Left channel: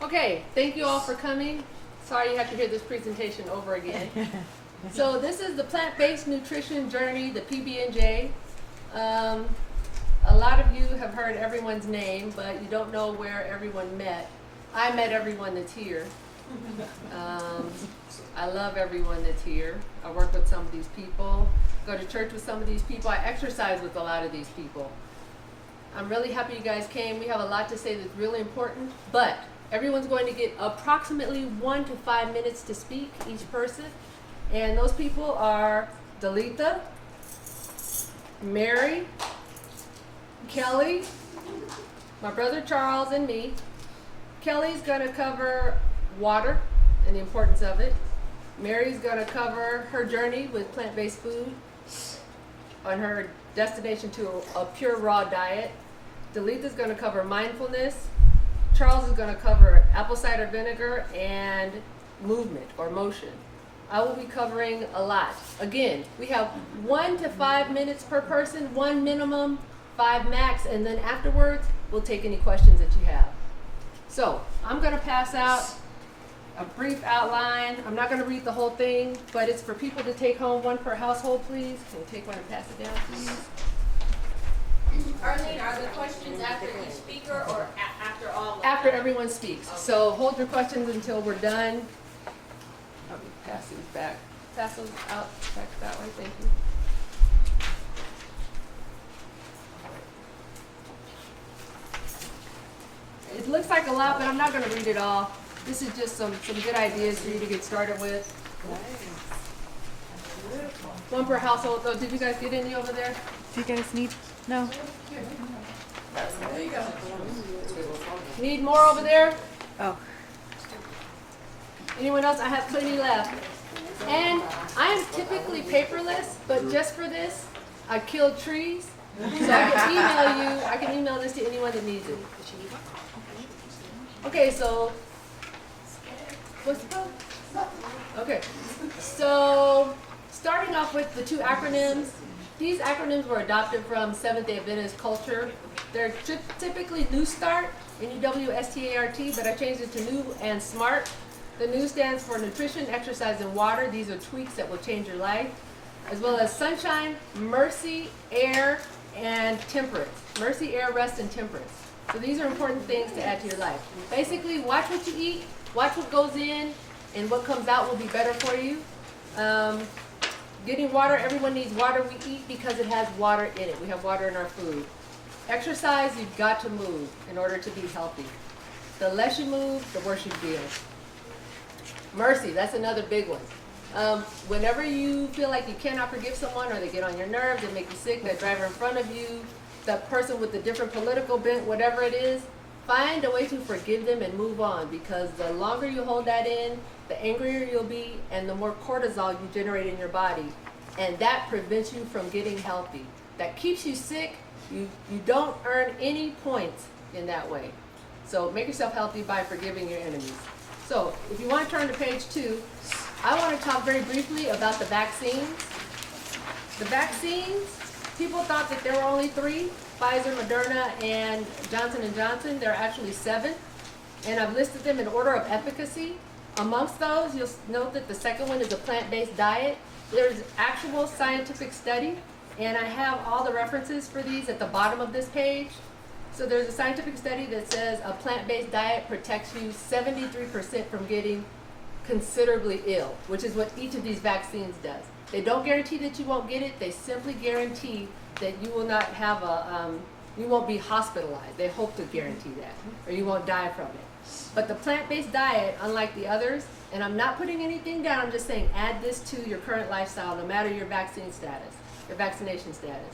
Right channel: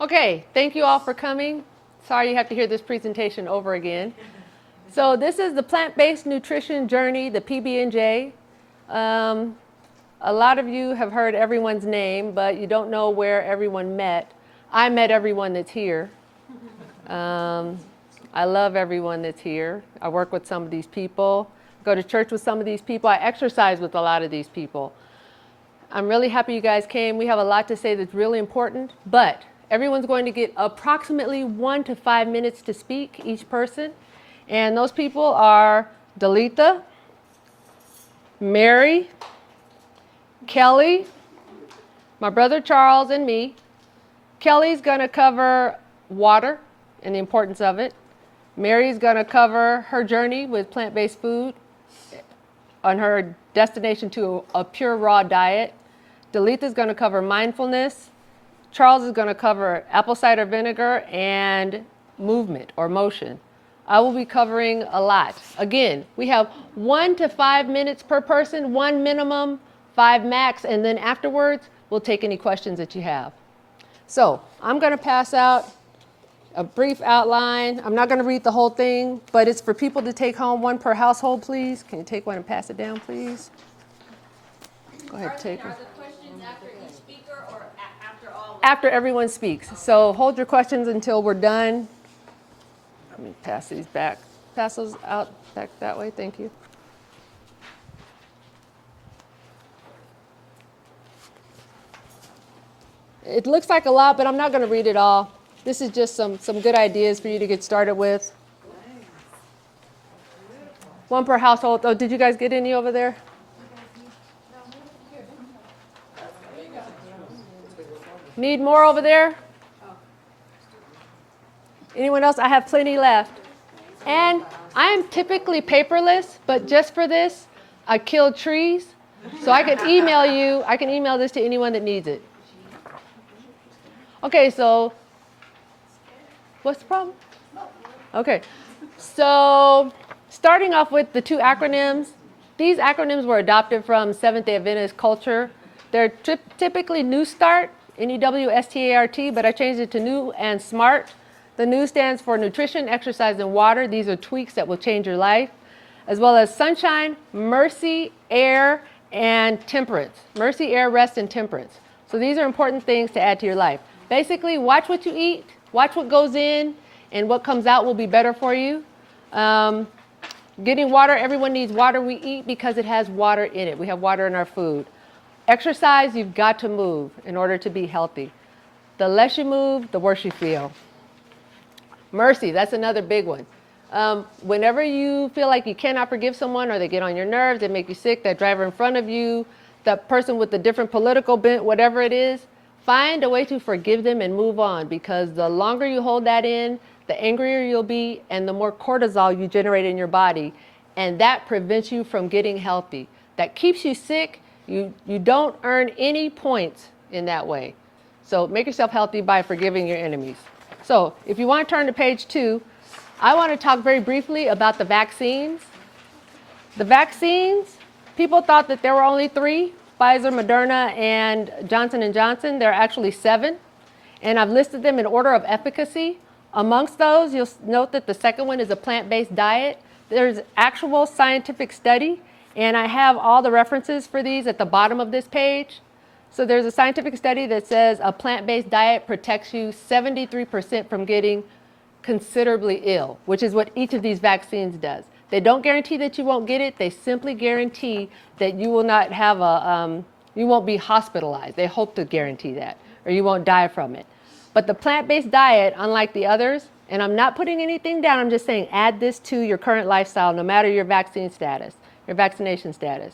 Okay, thank you all for coming. Sorry you have to hear this presentation over again. So this is the plant-based nutrition journey, the PBNJ. A lot of you have heard everyone's name, but you don't know where everyone met. I met everyone that's here. I love everyone that's here. I work with some of these people, go to church with some of these people. I exercise with a lot of these people. I'm really happy you guys came. We have a lot to say that's really important, but everyone's going to get approximately 1 to 5 minutes to speak, each person. And those people are Delita, Mary, Kelly, my brother Charles, and me. Kelly's going to cover water and the importance of it. Mary's going to cover her journey with plant-based food on her destination to a pure raw diet. Delita's going to cover mindfulness. Charles is going to cover apple cider vinegar and movement or motion. I will be covering a lot. Again, we have 1 to 5 minutes per person, 1 minimum, 5 max, and then afterwards, we'll take any questions that you have. So I'm going to pass out a brief outline. I'm not going to read the whole thing, but it's for people to take home, 1 per household, please. Can you take one and pass it down, please? Go ahead, take it. Are the questions after each speaker or after all? After everyone speaks. Okay. So hold your questions until we're done. Let me pass these back. Pass those out back that way. Thank you. It looks like a lot, but I'm not going to read it all. This is just some good ideas for you to get started with. Nice. 1 per household. Oh, did you guys get any over there? Do you guys need? No. There you go. Need more over there? Oh. Anyone else? I have plenty left. And I am typically paperless, but just for this, I killed trees. So I can email you. I can email this to anyone that needs it. Okay, so what's the problem? Okay, so starting off with the 2 acronyms. These acronyms were adopted from Seventh-day Adventist culture. They're typically New Start, N.E.W, S.M.A.R.T, but I changed it to New and SMART. The New stands for Nutrition, Exercise, and Water. These are tweaks that will change your life. As well as Sunshine, Mercy, Air, and Temperance. Mercy, Air, Rest, and Temperance. So these are important things to add to your life. Basically, watch what you eat, watch what goes in, and what comes out will be better for you. Getting water, everyone needs water. We eat because it has water in it. We have water in our food. Exercise, you've got to move in order to be healthy. The less you move, the worse you feel. Mercy, that's another big one. Whenever you feel like you cannot forgive someone or they get on your nerves, they make you sick, that driver in front of you, that person with the different political bent, whatever it is, find a way to forgive them and move on, because the longer you hold that in, the angrier you'll be and the more cortisol you generate in your body. And that prevents you from getting healthy. That keeps you sick. You don't earn any points in that way. So make yourself healthy by forgiving your enemies. So if you want to turn to page 2, I want to talk very briefly about the vaccines. The vaccines, people thought that there were only 3, Pfizer, Moderna, and Johnson & Johnson. There are actually 7, and I've listed them in order of efficacy. Amongst those, you'll note that the second one is a plant-based diet. There's actual scientific study, and I have all the references for these at the bottom of this page. So there's a scientific study that says a plant-based diet protects you 73% from getting considerably ill, which is what each of these vaccines does. They don't guarantee that you won't get it. They simply guarantee that you will not have you won't be hospitalized. They hope to guarantee that, or you won't die from it. But the plant-based diet, unlike the others, and I'm not putting anything down, I'm just saying add this to your current lifestyle, no matter your vaccine status, your vaccination status.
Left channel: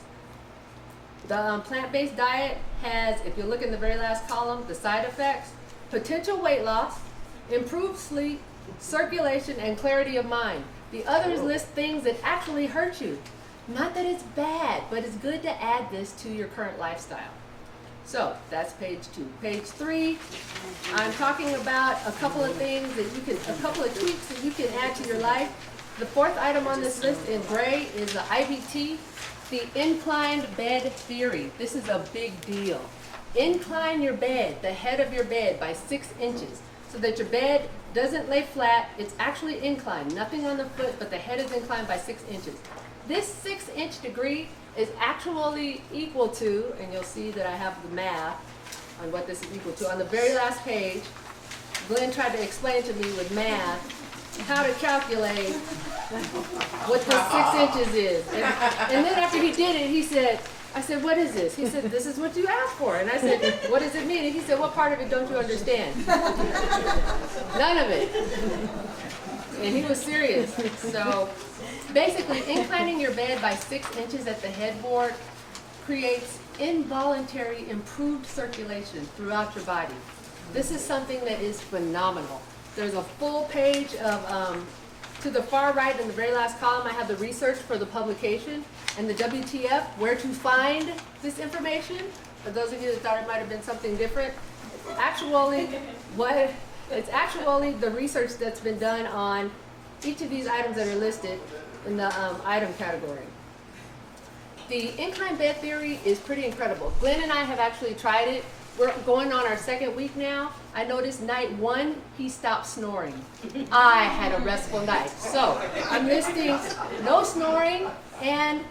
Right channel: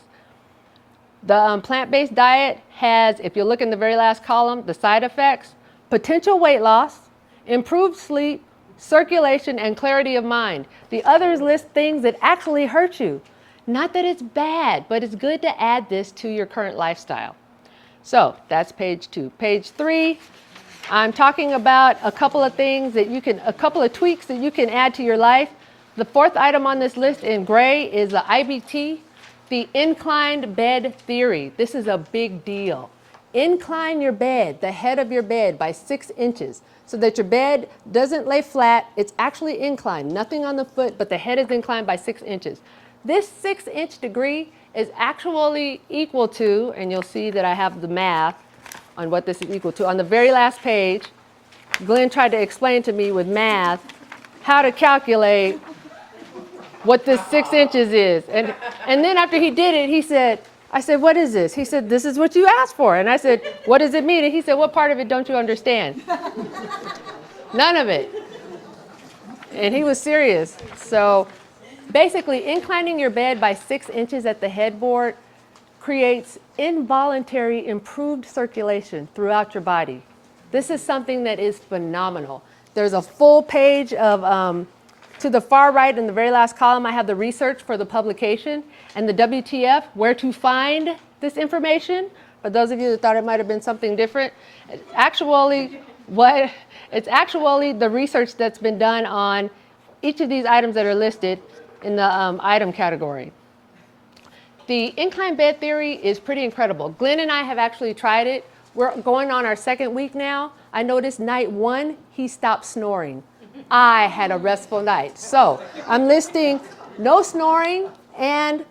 The plant-based diet has, if you look in the very last column, the side effects: potential weight loss, improved sleep, circulation, and clarity of mind. The others list things that actually hurt you. Not that it's bad, but it's good to add this to your current lifestyle. So that's page 2. Page 3, I'm talking about a couple of things that you can, a couple of tweaks that you can add to your life. The 4th item on this list in gray is the IBT, the inclined bed theory. This is a big deal. Incline your bed, the head of your bed, by 6 inches so that your bed doesn't lay flat. It's actually inclined, nothing on the foot, but the head is inclined by 6 inches. This 6-inch degree is actually equal to, and you'll see that I have the math on what this is equal to. On the very last page, Glenn tried to explain to me with math how to calculate what this 6 inches is. And then after he did it, he said, I said, what is this? He said, this is what you asked for. And I said, what does it mean? And he said, what part of it don't you understand? None of it. And he was serious. So basically, inclining your bed by 6 inches at the headboard creates involuntary improved circulation throughout your body. This is something that is phenomenal. There's a full page of, to the far right in the very last column, I have the research for the publication and the WTF, where to find this information. For those of you that thought it might have been something different, it's actually the research that's been done on each of these items that are listed in the item category. The incline bed theory is pretty incredible. Glenn and I have actually tried it. We're going on our 2nd week now. I noticed night 1, he stopped snoring. I had a restful night. So I'm listing no snoring and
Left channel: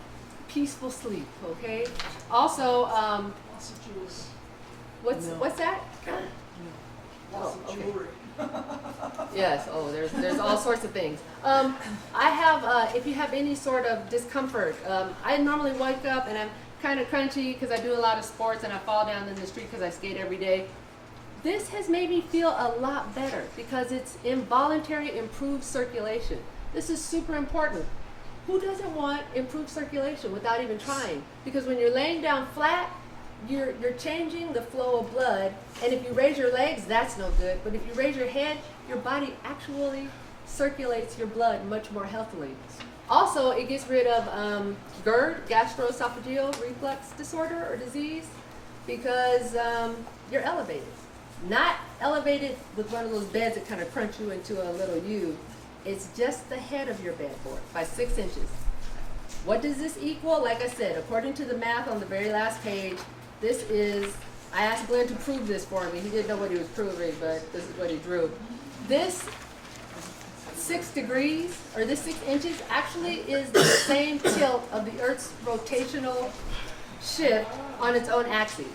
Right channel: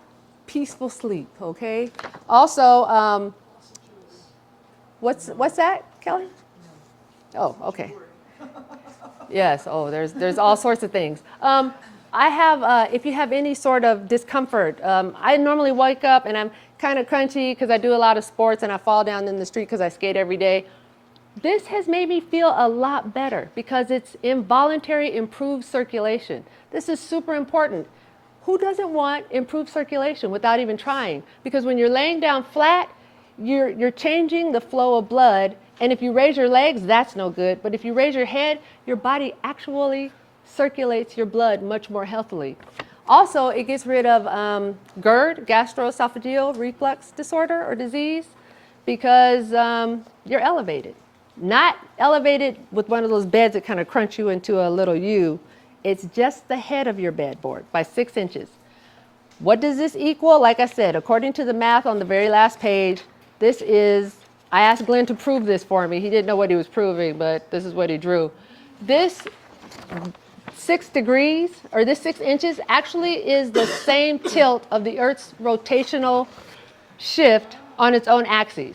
peaceful sleep, okay? Also, what's that, Kelly? Oh, okay. Yes, oh, there's all sorts of things. I have, if you have any sort of discomfort, I normally wake up and I'm kind of crunchy because I do a lot of sports and I fall down in the street because I skate every day. This has made me feel a lot better because it's involuntary improved circulation. This is super important. Who doesn't want improved circulation without even trying? Because when you're laying down flat, you're changing the flow of blood. And if you raise your legs, that's no good. But if you raise your head, your body actually circulates your blood much more healthily. Also, it gets rid of GERD, gastroesophageal reflux disorder or disease, because you're elevated. Not elevated with one of those beds that kind of crunch you into a little U. It's just the head of your bedboard by 6 inches. What does this equal? Like I said, according to the math on the very last page, this is, I asked Glenn to prove this for me. He didn't know what he was proving, but this is what he drew. This 6 degrees, or this 6 inches, actually is the same tilt of the Earth's rotational shift on its own axis.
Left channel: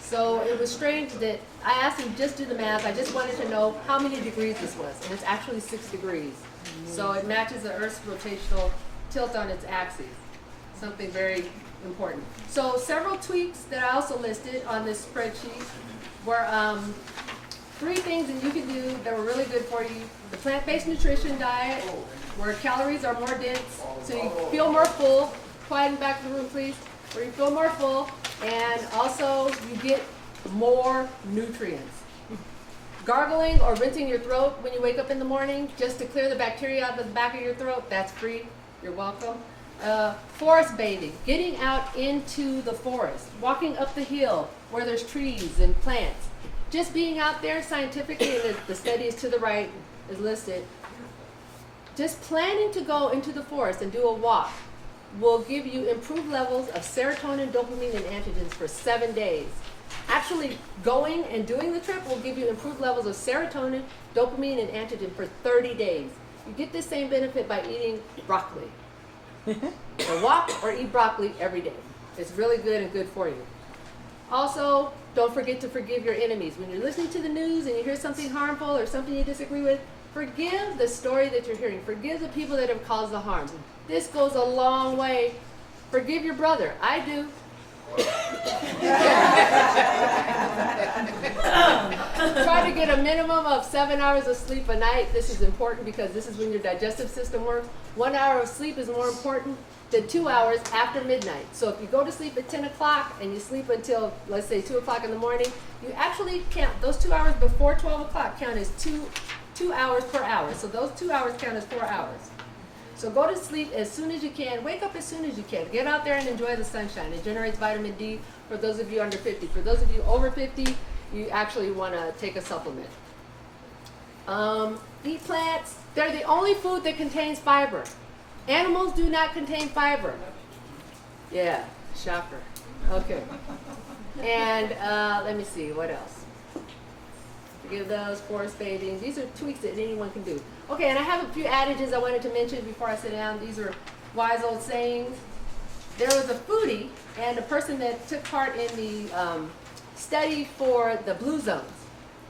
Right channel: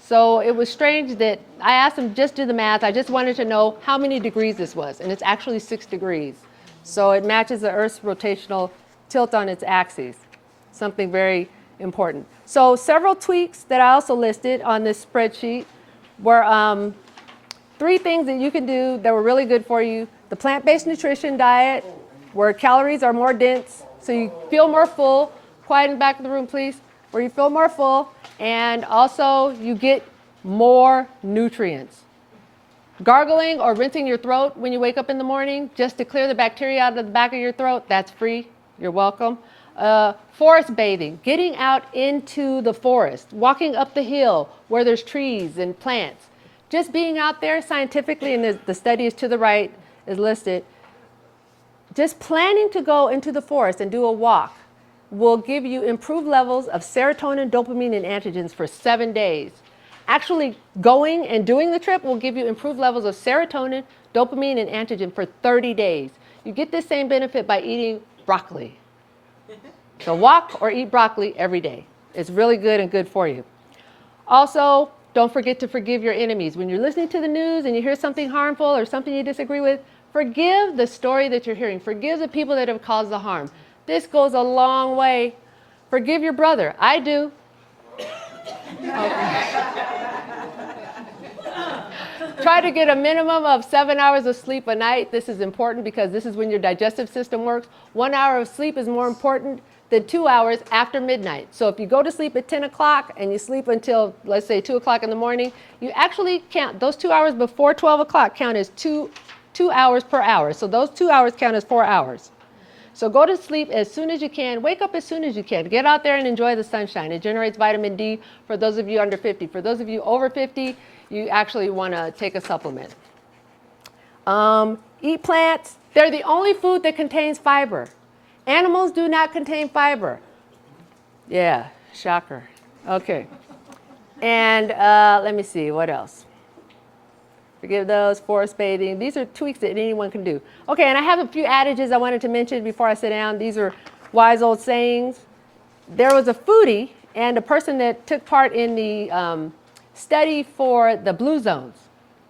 So it was strange that I asked him just do the math. I just wanted to know how many degrees this was, and it's actually 6 degrees. So it matches the Earth's rotational tilt on its axis. Something very important. So several tweaks that I also listed on this spreadsheet were 3 things that you can do that were really good for you. The plant-based nutrition diet, where calories are more dense, so you feel more full. Quiet in the back of the room, please. Where you feel more full, and also you get more nutrients. Gargling or rinsing your throat when you wake up in the morning, just to clear the bacteria out of the back of your throat, that's free. You're welcome. Forest bathing, getting out into the forest, walking up the hill where there's trees and plants. Just being out there scientifically, and the study is to the right, is listed. Just planning to go into the forest and do a walk will give you improved levels of serotonin, dopamine, and androgens for 7 days. Actually going and doing the trip will give you improved levels of serotonin, dopamine, and androgen for 30 days. You get this same benefit by eating broccoli. So walk or eat broccoli every day. It's really good and good for you. Also, don't forget to forgive your enemies. When you're listening to the news and you hear something harmful or something you disagree with, forgive the story that you're hearing. Forgive the people that have caused the harm. This goes a long way. Forgive your brother. I do. Try to get a minimum of 7 hours of sleep a night. This is important because this is when your digestive system works. 1 hour of sleep is more important than 2 hours after midnight. So if you go to sleep at 10 o'clock and you sleep until, let's say, 2 o'clock in the morning, you actually count those 2 hours before 12 o'clock count as two hours per hour. So those 2 hours count as 4 hours. So go to sleep as soon as you can. Wake up as soon as you can. Get out there and enjoy the sunshine. It generates vitamin D for those of you under 50. For those of you over 50, you actually want to take a supplement. Eat plants. They're the only food that contains fiber. Animals do not contain fiber. Yeah, shocker. Okay. And let me see, what else? Forgive those, forest bathing. These are tweaks that anyone can do. Okay, and I have a few adages I wanted to mention before I sit down. These are wise old sayings. There was a foodie and a person that took part in the study for the blue zones.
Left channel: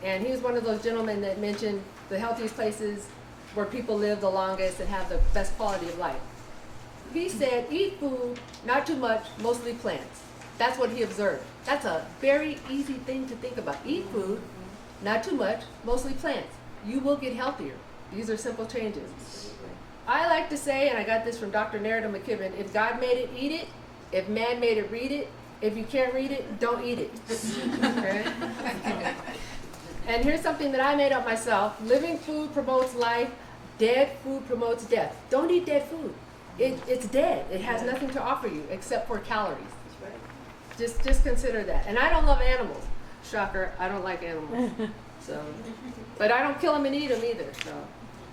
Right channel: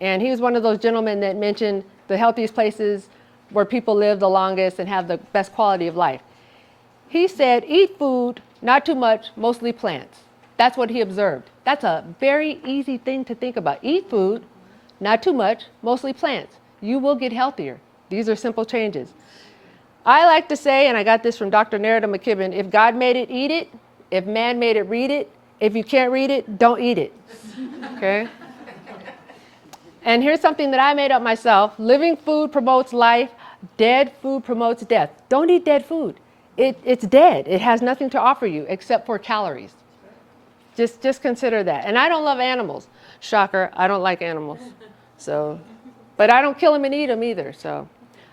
And he was one of those gentlemen that mentioned the healthiest places where people live the longest and have the best quality of life. He said, eat food, not too much, mostly plants. That's what he observed. That's a very easy thing to think about. Eat food, not too much, mostly plants. You will get healthier. These are simple changes. I like to say, and I got this from Dr. N.E.W. McKibben, if God made it, eat it. If man made it, read it. If you can't read it, don't eat it. Okay? And here's something that I made up myself. Living food promotes life. Dead food promotes death. Don't eat dead food. It's dead. It has nothing to offer you except for calories. Just consider that. And I don't love animals. Shocker, I don't like animals. So, but I don't kill them and eat them either. So,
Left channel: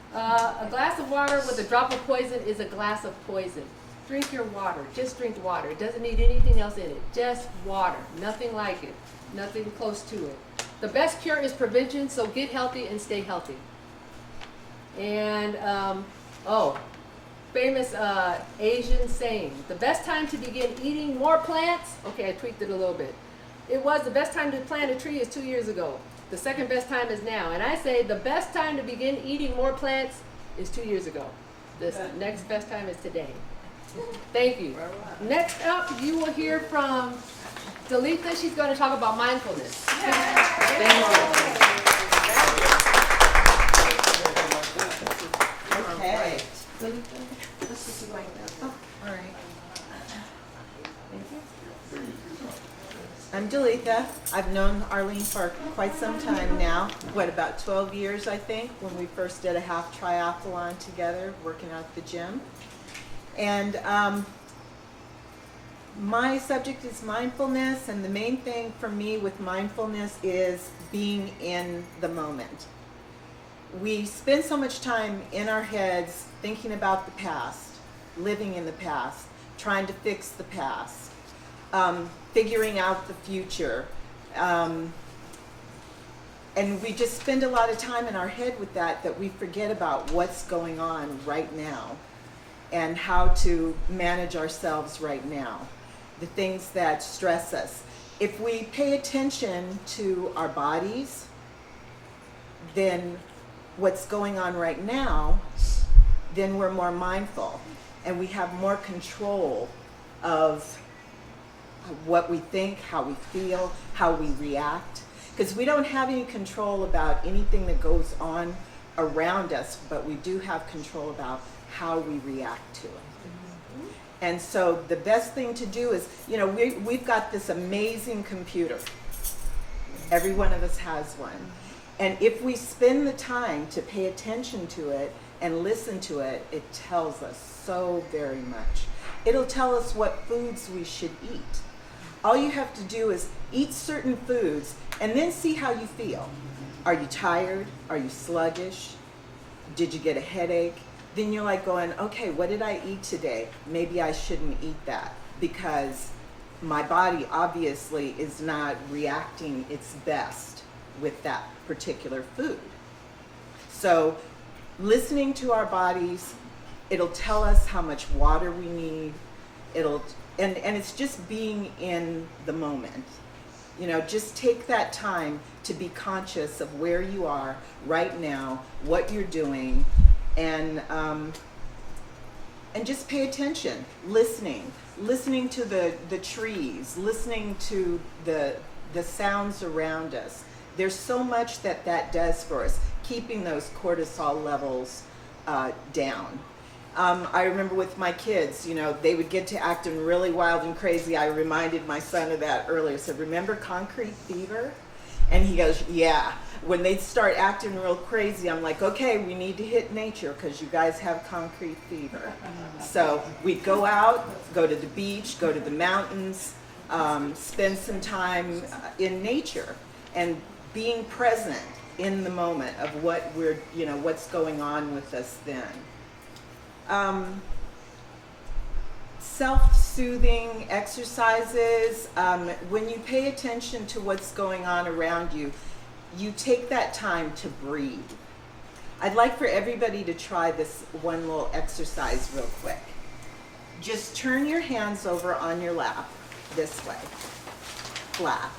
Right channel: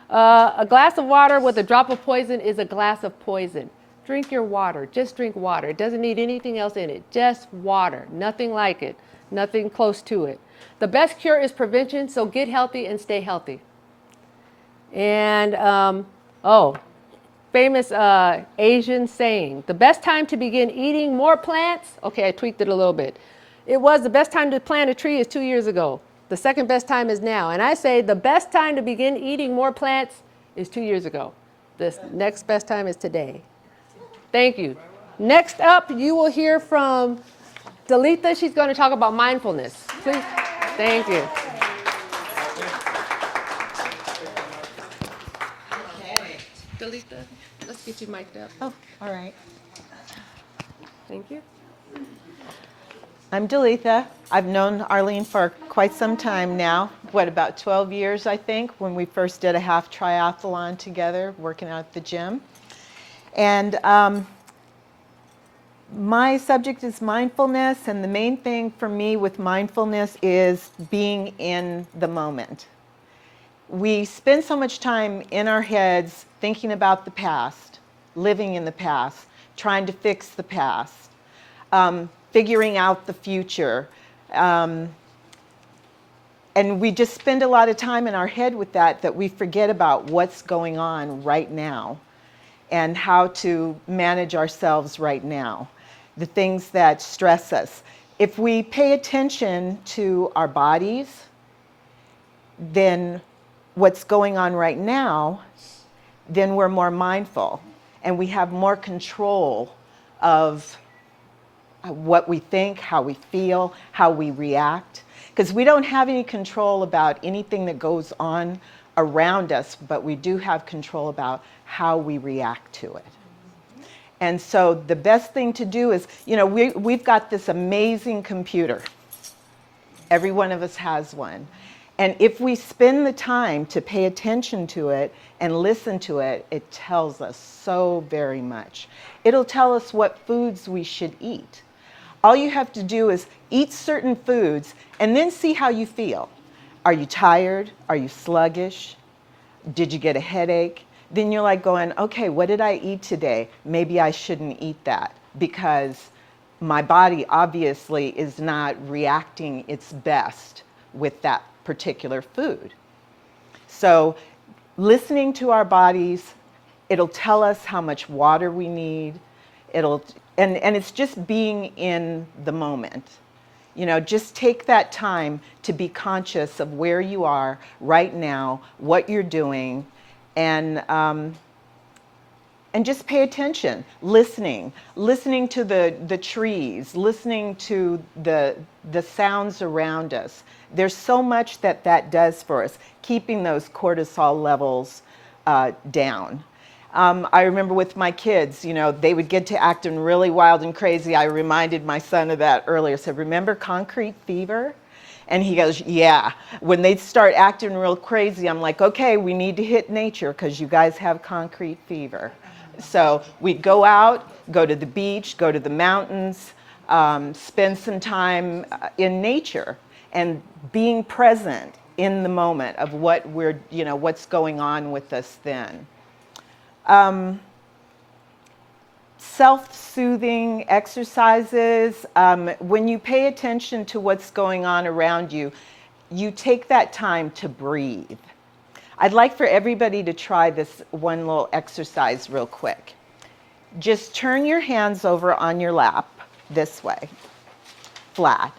a glass of water with a drop of poison is a glass of poison. Drink your water. Just drink water. It doesn't need anything else in it. Just water. Nothing like it. Nothing close to it. The best cure is prevention, so get healthy and stay healthy. And, famous Asian saying, the best time to begin eating more plants, okay, I tweaked it a little bit. It was the best time to plant a tree is 2 years ago. The second best time is now. And I say the best time to begin eating more plants is 2 years ago. The next best time is today. Thank you. Next up, you will hear from Delita. She's going to talk about mindfulness. Thank you. Okay. Delita, let's get you mic'd up. Oh, all right. Thank you. I'm Delita. I've known Arlene for quite some time now. About 12 years, I think, when we first did a half triathlon together, working out at the gym. And my subject is mindfulness, and the main thing for me with mindfulness is being in the moment. We spend so much time in our heads thinking about the past, living in the past, trying to fix the past, figuring out the future. And we just spend a lot of time in our head with that we forget about what's going on right now and how to manage ourselves right now, the things that stress us. If we pay attention to our bodies, then what's going on right now, then we're more mindful and we have more control of what we think, how we feel, how we react. Because we don't have any control about anything that goes on around us, but we do have control about how we react to it. And so the best thing to do is, we've got this amazing computer. Every one of us has one. And if we spend the time to pay attention to it and listen to it, it tells us so very much. It'll tell us what foods we should eat. All you have to do is eat certain foods and then see how you feel. Are you tired? Are you sluggish? Did you get a headache? Then you're like going, okay, what did I eat today? Maybe I shouldn't eat that because my body obviously is not reacting its best with that particular food. So listening to our bodies, it'll tell us how much water we need. And it's just being in the moment. Just take that time to be conscious of where you are right now, what you're doing, and just pay attention, listening to the trees, listening to the sounds around us. There's so much that does for us, keeping those cortisol levels down. I remember with my kids, they would get to acting really wild and crazy. I reminded my son of that earlier. So remember concrete fever? And he goes, yeah. When they start acting real crazy, I'm like, okay, we need to hit nature because you guys have concrete fever. So we go out, go to the beach, go to the mountains, spend some time in nature and being present in the moment of what we're, what's going on with us then. Self-soothing exercises. When you pay attention to what's going on around you, you take that time to breathe. I'd like for everybody to try this one little exercise real quick. Just turn your hands over on your lap this way, flat,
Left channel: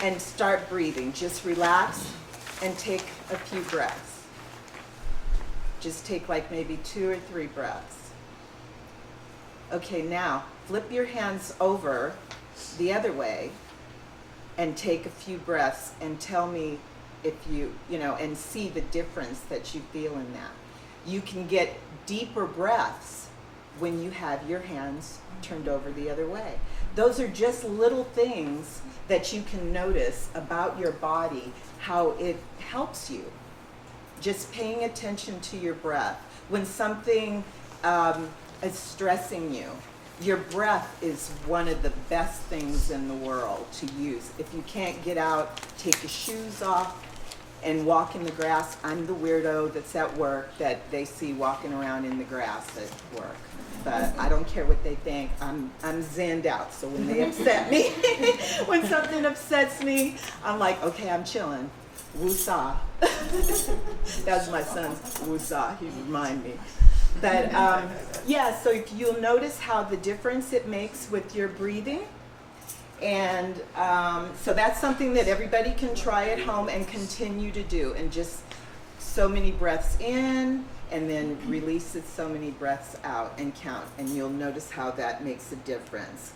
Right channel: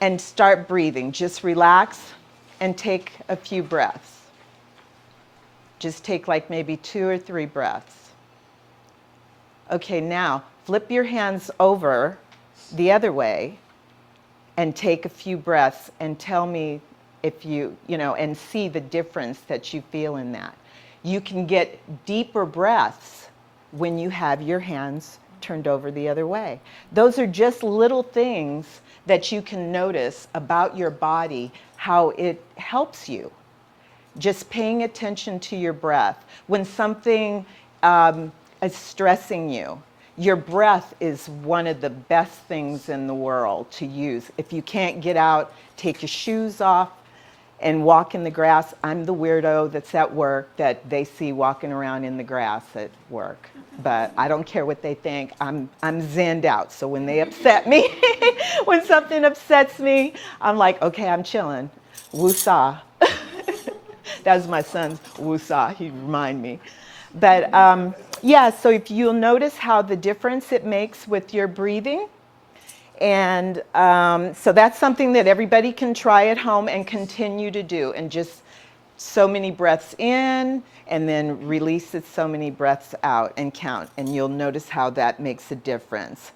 and start breathing. Just relax and take a few breaths. Just take like maybe 2 or 3 breaths. Okay, now flip your hands over the other way and take a few breaths and tell me if and see the difference that you feel in that. You can get deeper breaths when you have your hands turned over the other way. Those are just little things that you can notice about your body, how it helps you. Just paying attention to your breath. When something is stressing you, your breath is one of the best things in the world to use. If you can't get out, take your shoes off and walk in the grass. I'm the weirdo that's at work that they see walking around in the grass at work. But I don't care what they think. I'm zenned out. So when they upset me, when something upsets me, I'm like, okay, I'm chilling. Woo-saw. That was my son's woo-saw. He'd remind me. But yeah, so if you'll notice how the difference it makes with your breathing. And so that's something that everybody can try at home and continue to do. And just so many breaths in and then release it so many breaths out and count. And you'll notice how that makes a difference.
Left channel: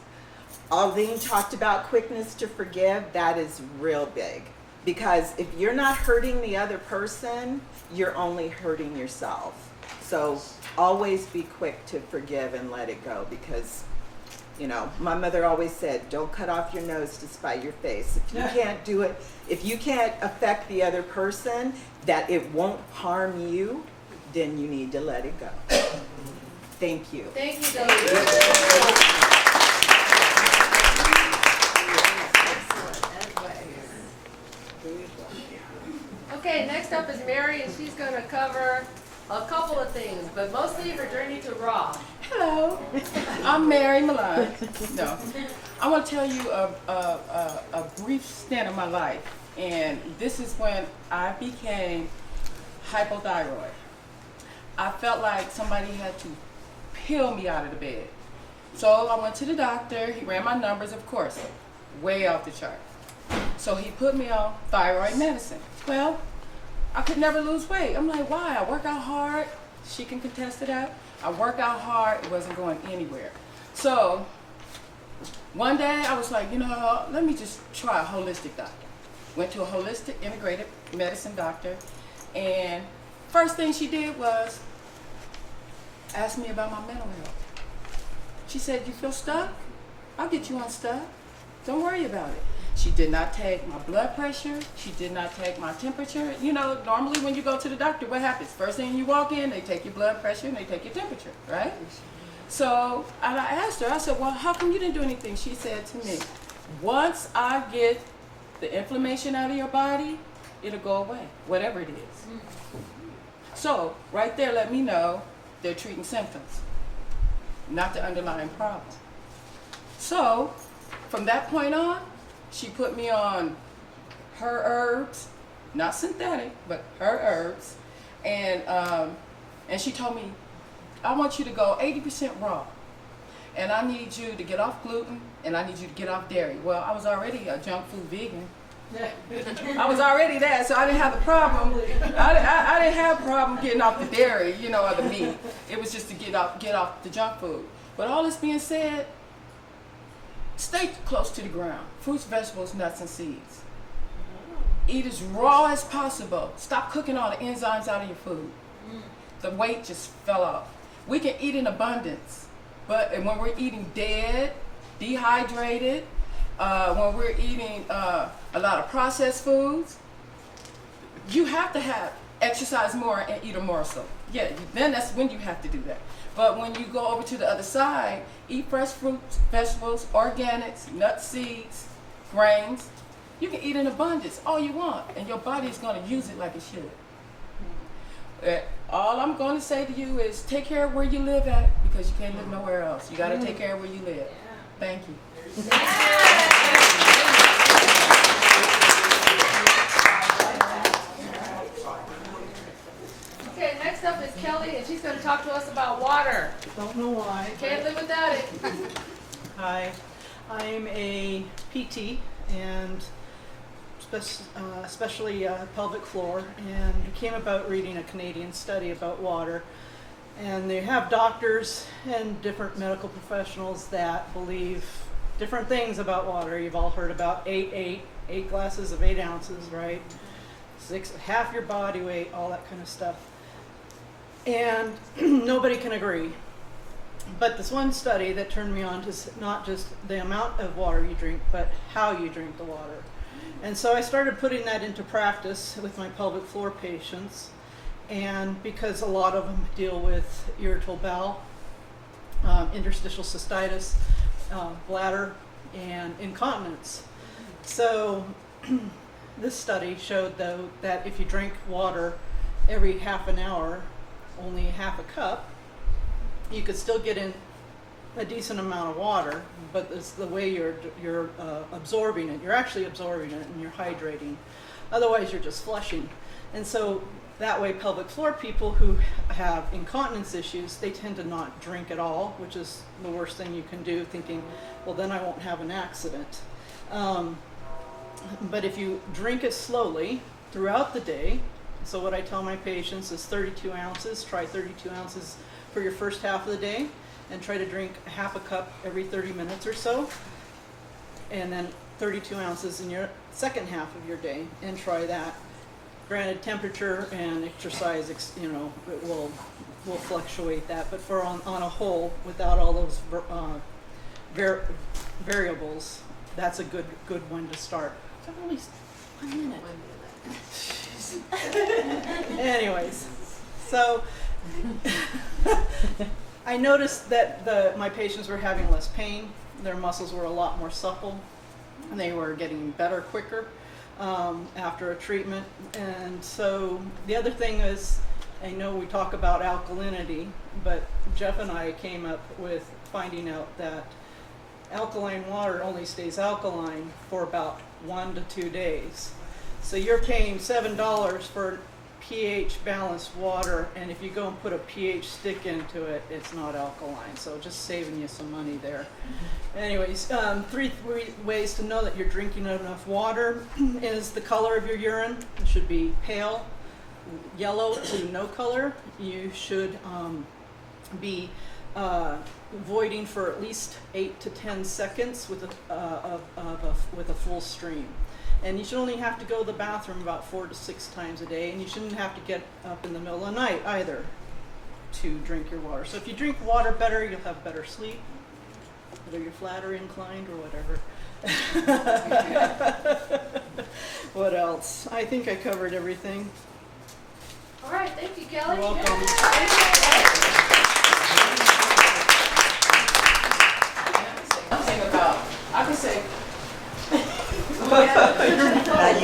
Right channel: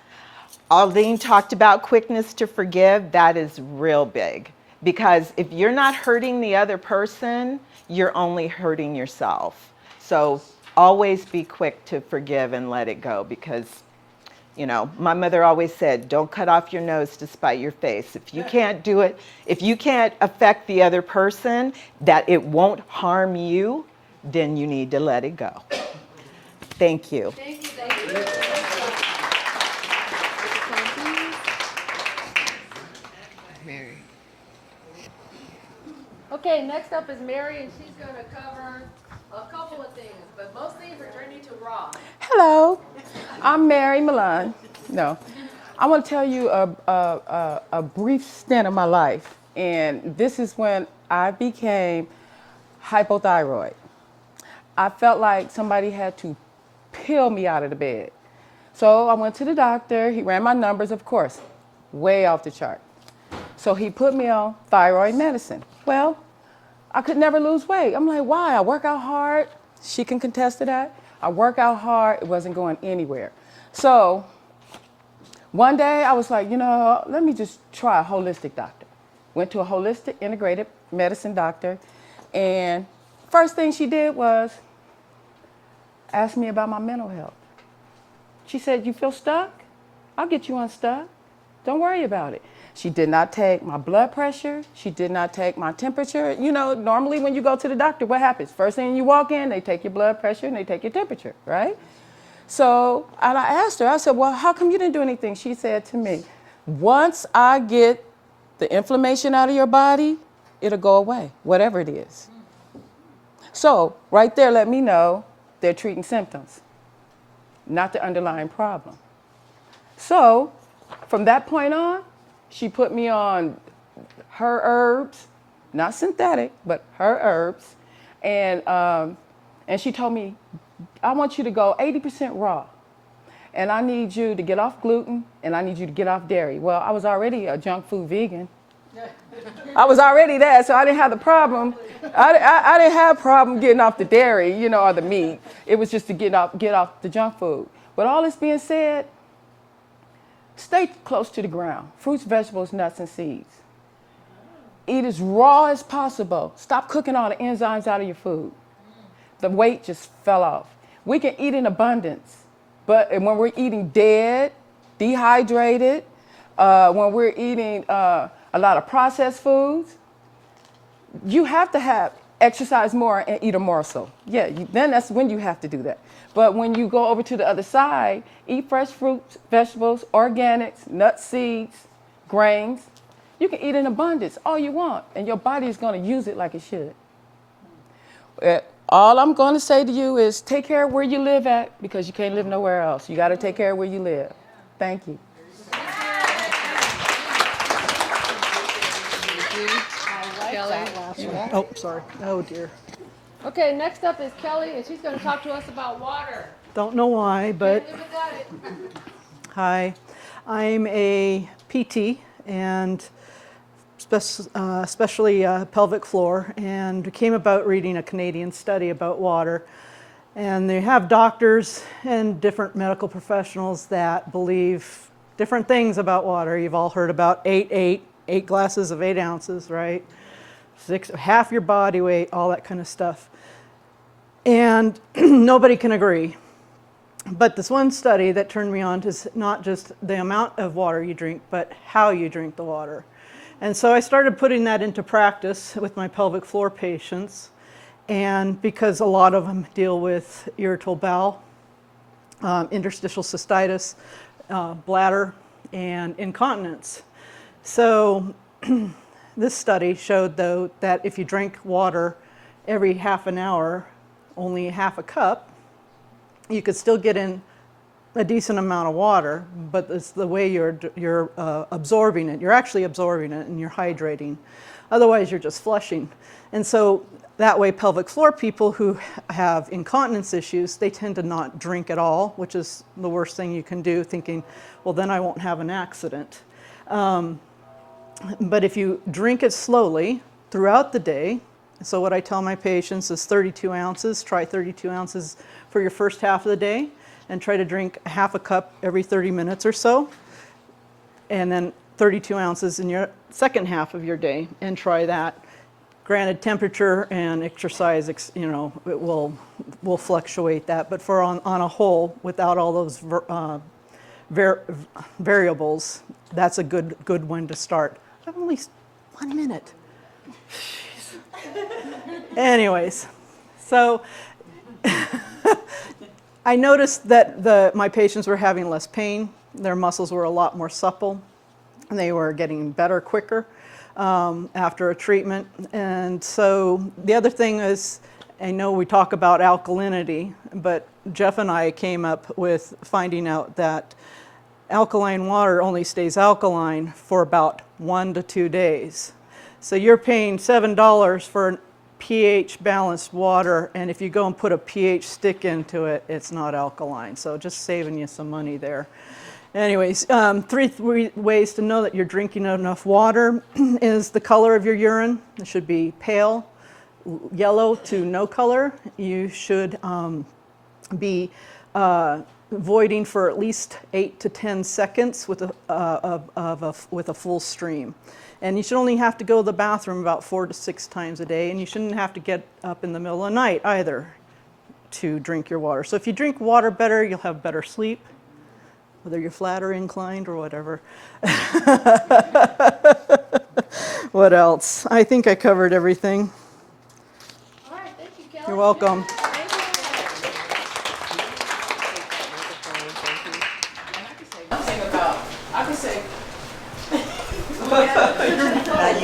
Aldine talked about quickness to forgive. That is real big. Because if you're not hurting the other person, you're only hurting yourself. So always be quick to forgive and let it go, because my mother always said, don't cut off your nose to spite your face. If you can't do it, if you can't affect the other person, that it won't harm you, then you need to let it go. Thank you. Thank you, Delaney. Okay, next up is Mary, and she's going to cover a couple of things, but mostly her journey to raw. Hello, I'm Mary Milan. No, I want to tell you a brief stint of my life, and this is when I became hypothyroid. I felt like somebody had to peel me out of the bed. So I went to the doctor. He ran my numbers, of course, way off the chart. So he put me on thyroid medicine. Well, I could never lose weight. I'm like, why? I work out hard. She can contest to that. I work out hard. It wasn't going anywhere. So one day I was like, let me just try a holistic doctor. Went to a holistic integrated medicine doctor. And first thing she did was ask me about my mental health. She said, you feel stuck? I'll get you unstuck. Don't worry about it. She did not take my blood pressure. She did not take my temperature. Normally when you go to the doctor, what happens? First thing you walk in, they take your blood pressure and they take your temperature, right? So I asked her, I said, well, how come you didn't do anything? She said to me, once I get the inflammation out of your body, it'll go away, whatever it is. So right there, let me know they're treating symptoms, not the underlying problem. So from that point on, she put me on her herbs, not synthetic, but her herbs. And she told me, I want you to go 80% raw. And I need you to get off gluten, and I need you to get off dairy. Well, I was already a junk food vegan. I was already there, so I didn't have the problem. I didn't have a problem getting off the dairy, or the meat. It was just to get off the junk food. But all this being said, stay close to the ground. Fruits, vegetables, nuts, and seeds. Eat as raw as possible. Stop cooking all the enzymes out of your food. The weight just fell off. We can eat in abundance, but when we're eating dead, dehydrated, when we're eating a lot of processed foods, you have to have exercise more and eat a morsel. Yeah, then that's when you have to do that. But when you go over to the other side, eat fresh fruits, vegetables, organics, nuts, seeds, grains. You can eat in abundance all you want, and your body is going to use it like it should. All I'm going to say to you is take care of where you live at, because you can't live nowhere else. You got to take care of where you live. Thank you. Oh, sorry. Oh, dear. Okay, next up is Kelly, and she's going to talk to us about water. Don't know why, Can't but live without it. hi. I'm a PT and especially pelvic floor, and came about reading a Canadian study about water. And they have doctors and different medical professionals that believe different things about water. You've all heard about 8 glasses of 8 ounces, right? Half your body weight, all that kind of stuff. And nobody can agree. But this one study that turned me on to not just the amount of water you drink, but how you drink the water. And so I started putting that into practice with my pelvic floor patients. And because a lot of them deal with irritable bowel, interstitial cystitis, bladder, and incontinence. So this study showed, though, that if you drink water every half an hour, only half a cup, you could still get in a decent amount of water, but it's the way you're absorbing it. You're actually absorbing it and you're hydrating. Otherwise, you're just flushing. And so that way, pelvic floor people who have incontinence issues, they tend to not drink at all, which is the worst thing you can do, thinking, well, then I won't have an accident. But if you drink it slowly throughout the day, so what I tell my patients is 32 ounces, try 32 ounces for your first half of the day, and try to drink a half a cup every 30 minutes or so, and then 32 ounces in your second half of your day, and try that. Granted, temperature and exercise, it will fluctuate that, but for on a whole, without all those variables, that's a good one to start. I have only 1 minute. Anyways, so I noticed that my patients were having less pain. Their muscles were a lot more supple, and they were getting better quicker after a treatment. And so the other thing is, I know we talk about alkalinity, but Jeff and I came up with finding out that alkaline water only stays alkaline for about 1 to 2 days. So you're paying $7 for pH balanced water, and if you go and put a pH stick into it, it's not alkaline. So just saving you some money there. Anyways, 3 ways to know that you're drinking enough water is the color of your urine. It should be pale, yellow to no color. You should be voiding for at least 8 to 10 seconds with a full stream. And you should only have to go to the bathroom about 4 to 6 times a day, and you shouldn't have to get up in the middle of the night either to drink your water. So if you drink water better, you'll have better sleep, whether you're flat or inclined or whatever. What else? I think I covered everything. All right, thank you, Kelly. You're welcome. I can say.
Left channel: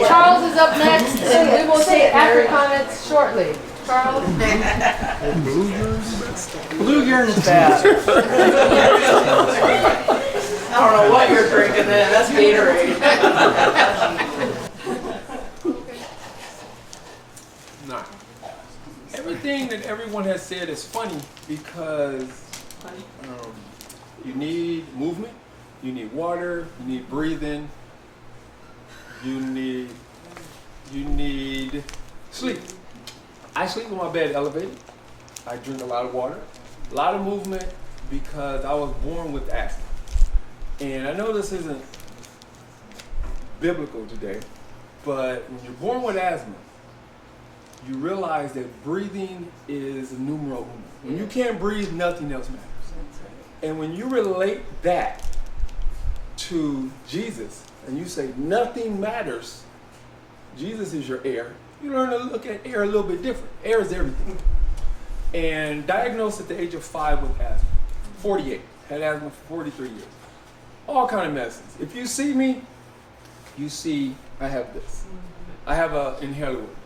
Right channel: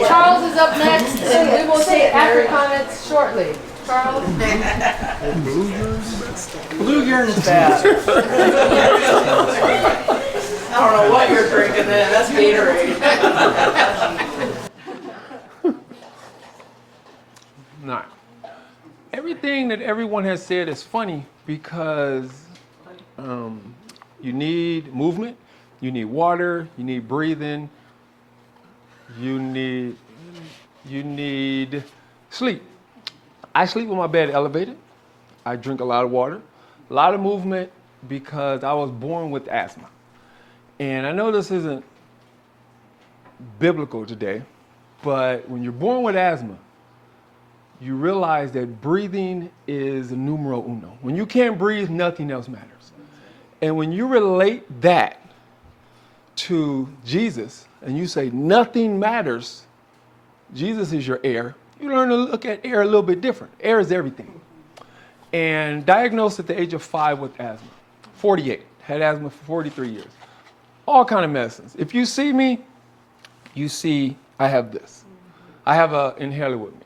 Charles is up next, and we will take after comments shortly. Charles? Blue urine is bad. I don't know what you're drinking then. That's Gatorade. Now, everything that everyone has said is funny because you need movement, you need water, you need breathing, you need sleep. I sleep with my bed elevated. I drink a lot of water, a lot of movement because I was born with asthma. And I know this isn't biblical today, but when you're born with asthma, you realize that breathing is numero uno. When you can't breathe, nothing else matters. And when you relate that to Jesus and you say nothing matters, Jesus is your air, you learn to look at air a little bit different. Air is everything. And diagnosed at the age of 5 with asthma, 48, had asthma for 43 years. All kind of medicines. If you see me, you see I have this. I have an inhaler with me.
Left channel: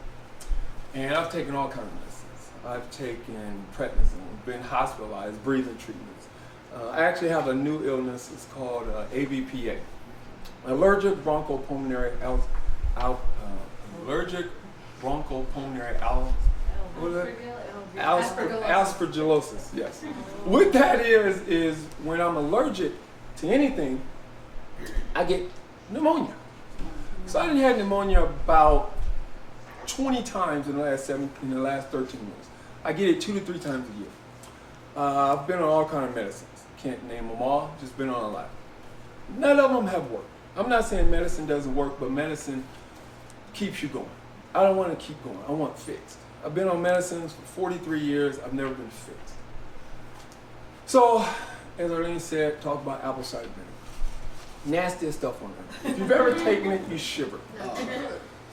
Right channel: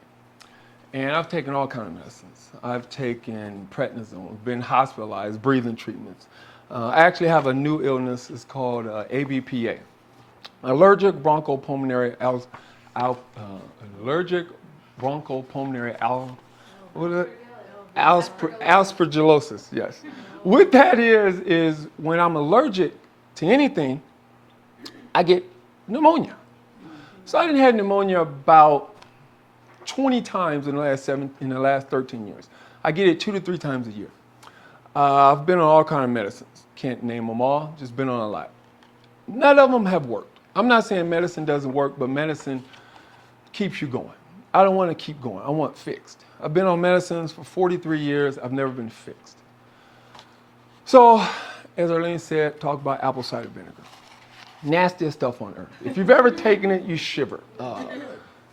And I've taken all kind of medicines. I've taken prednisone, been hospitalized, breathing treatments. I actually have a new illness. It's called ABPA, allergic bronchopulmonary aspergillosis. Yes. What that is when I'm allergic to anything, I get pneumonia. So I done had pneumonia about 20 times in the last 13 years. I get it 2 to 3 times a year. I've been on all kind of medicines. Can't name them all, just been on a lot. None of them have worked. I'm not saying medicine doesn't work, but medicine keeps you going. I don't want to keep going. I want fixed. I've been on medicines for 43 years. I've never been fixed. So, as Arlene said, talk about apple cider vinegar. Nastiest stuff on earth. If you've ever taken it, you shiver.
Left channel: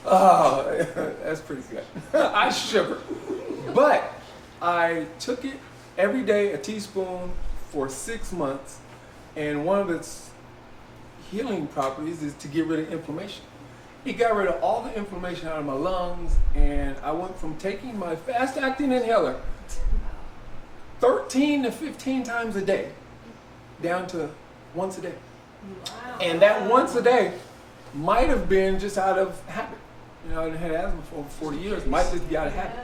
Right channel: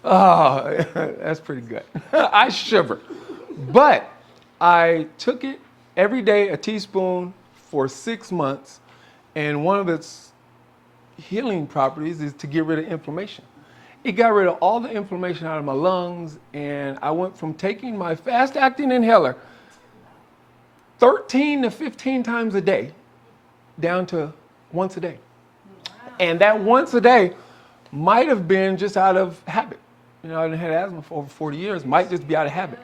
Oh, that's pretty good. I shiver. But I took it every day, a teaspoon, for 6 months, and one of its healing properties is to get rid of inflammation. It got rid of all the inflammation out of my lungs, and I went from taking my fast-acting inhaler 13 to 15 times a day down to once a day. And that once a day might have been just out of habit. You know, I've had asthma for over 40 years, might just be out of habit.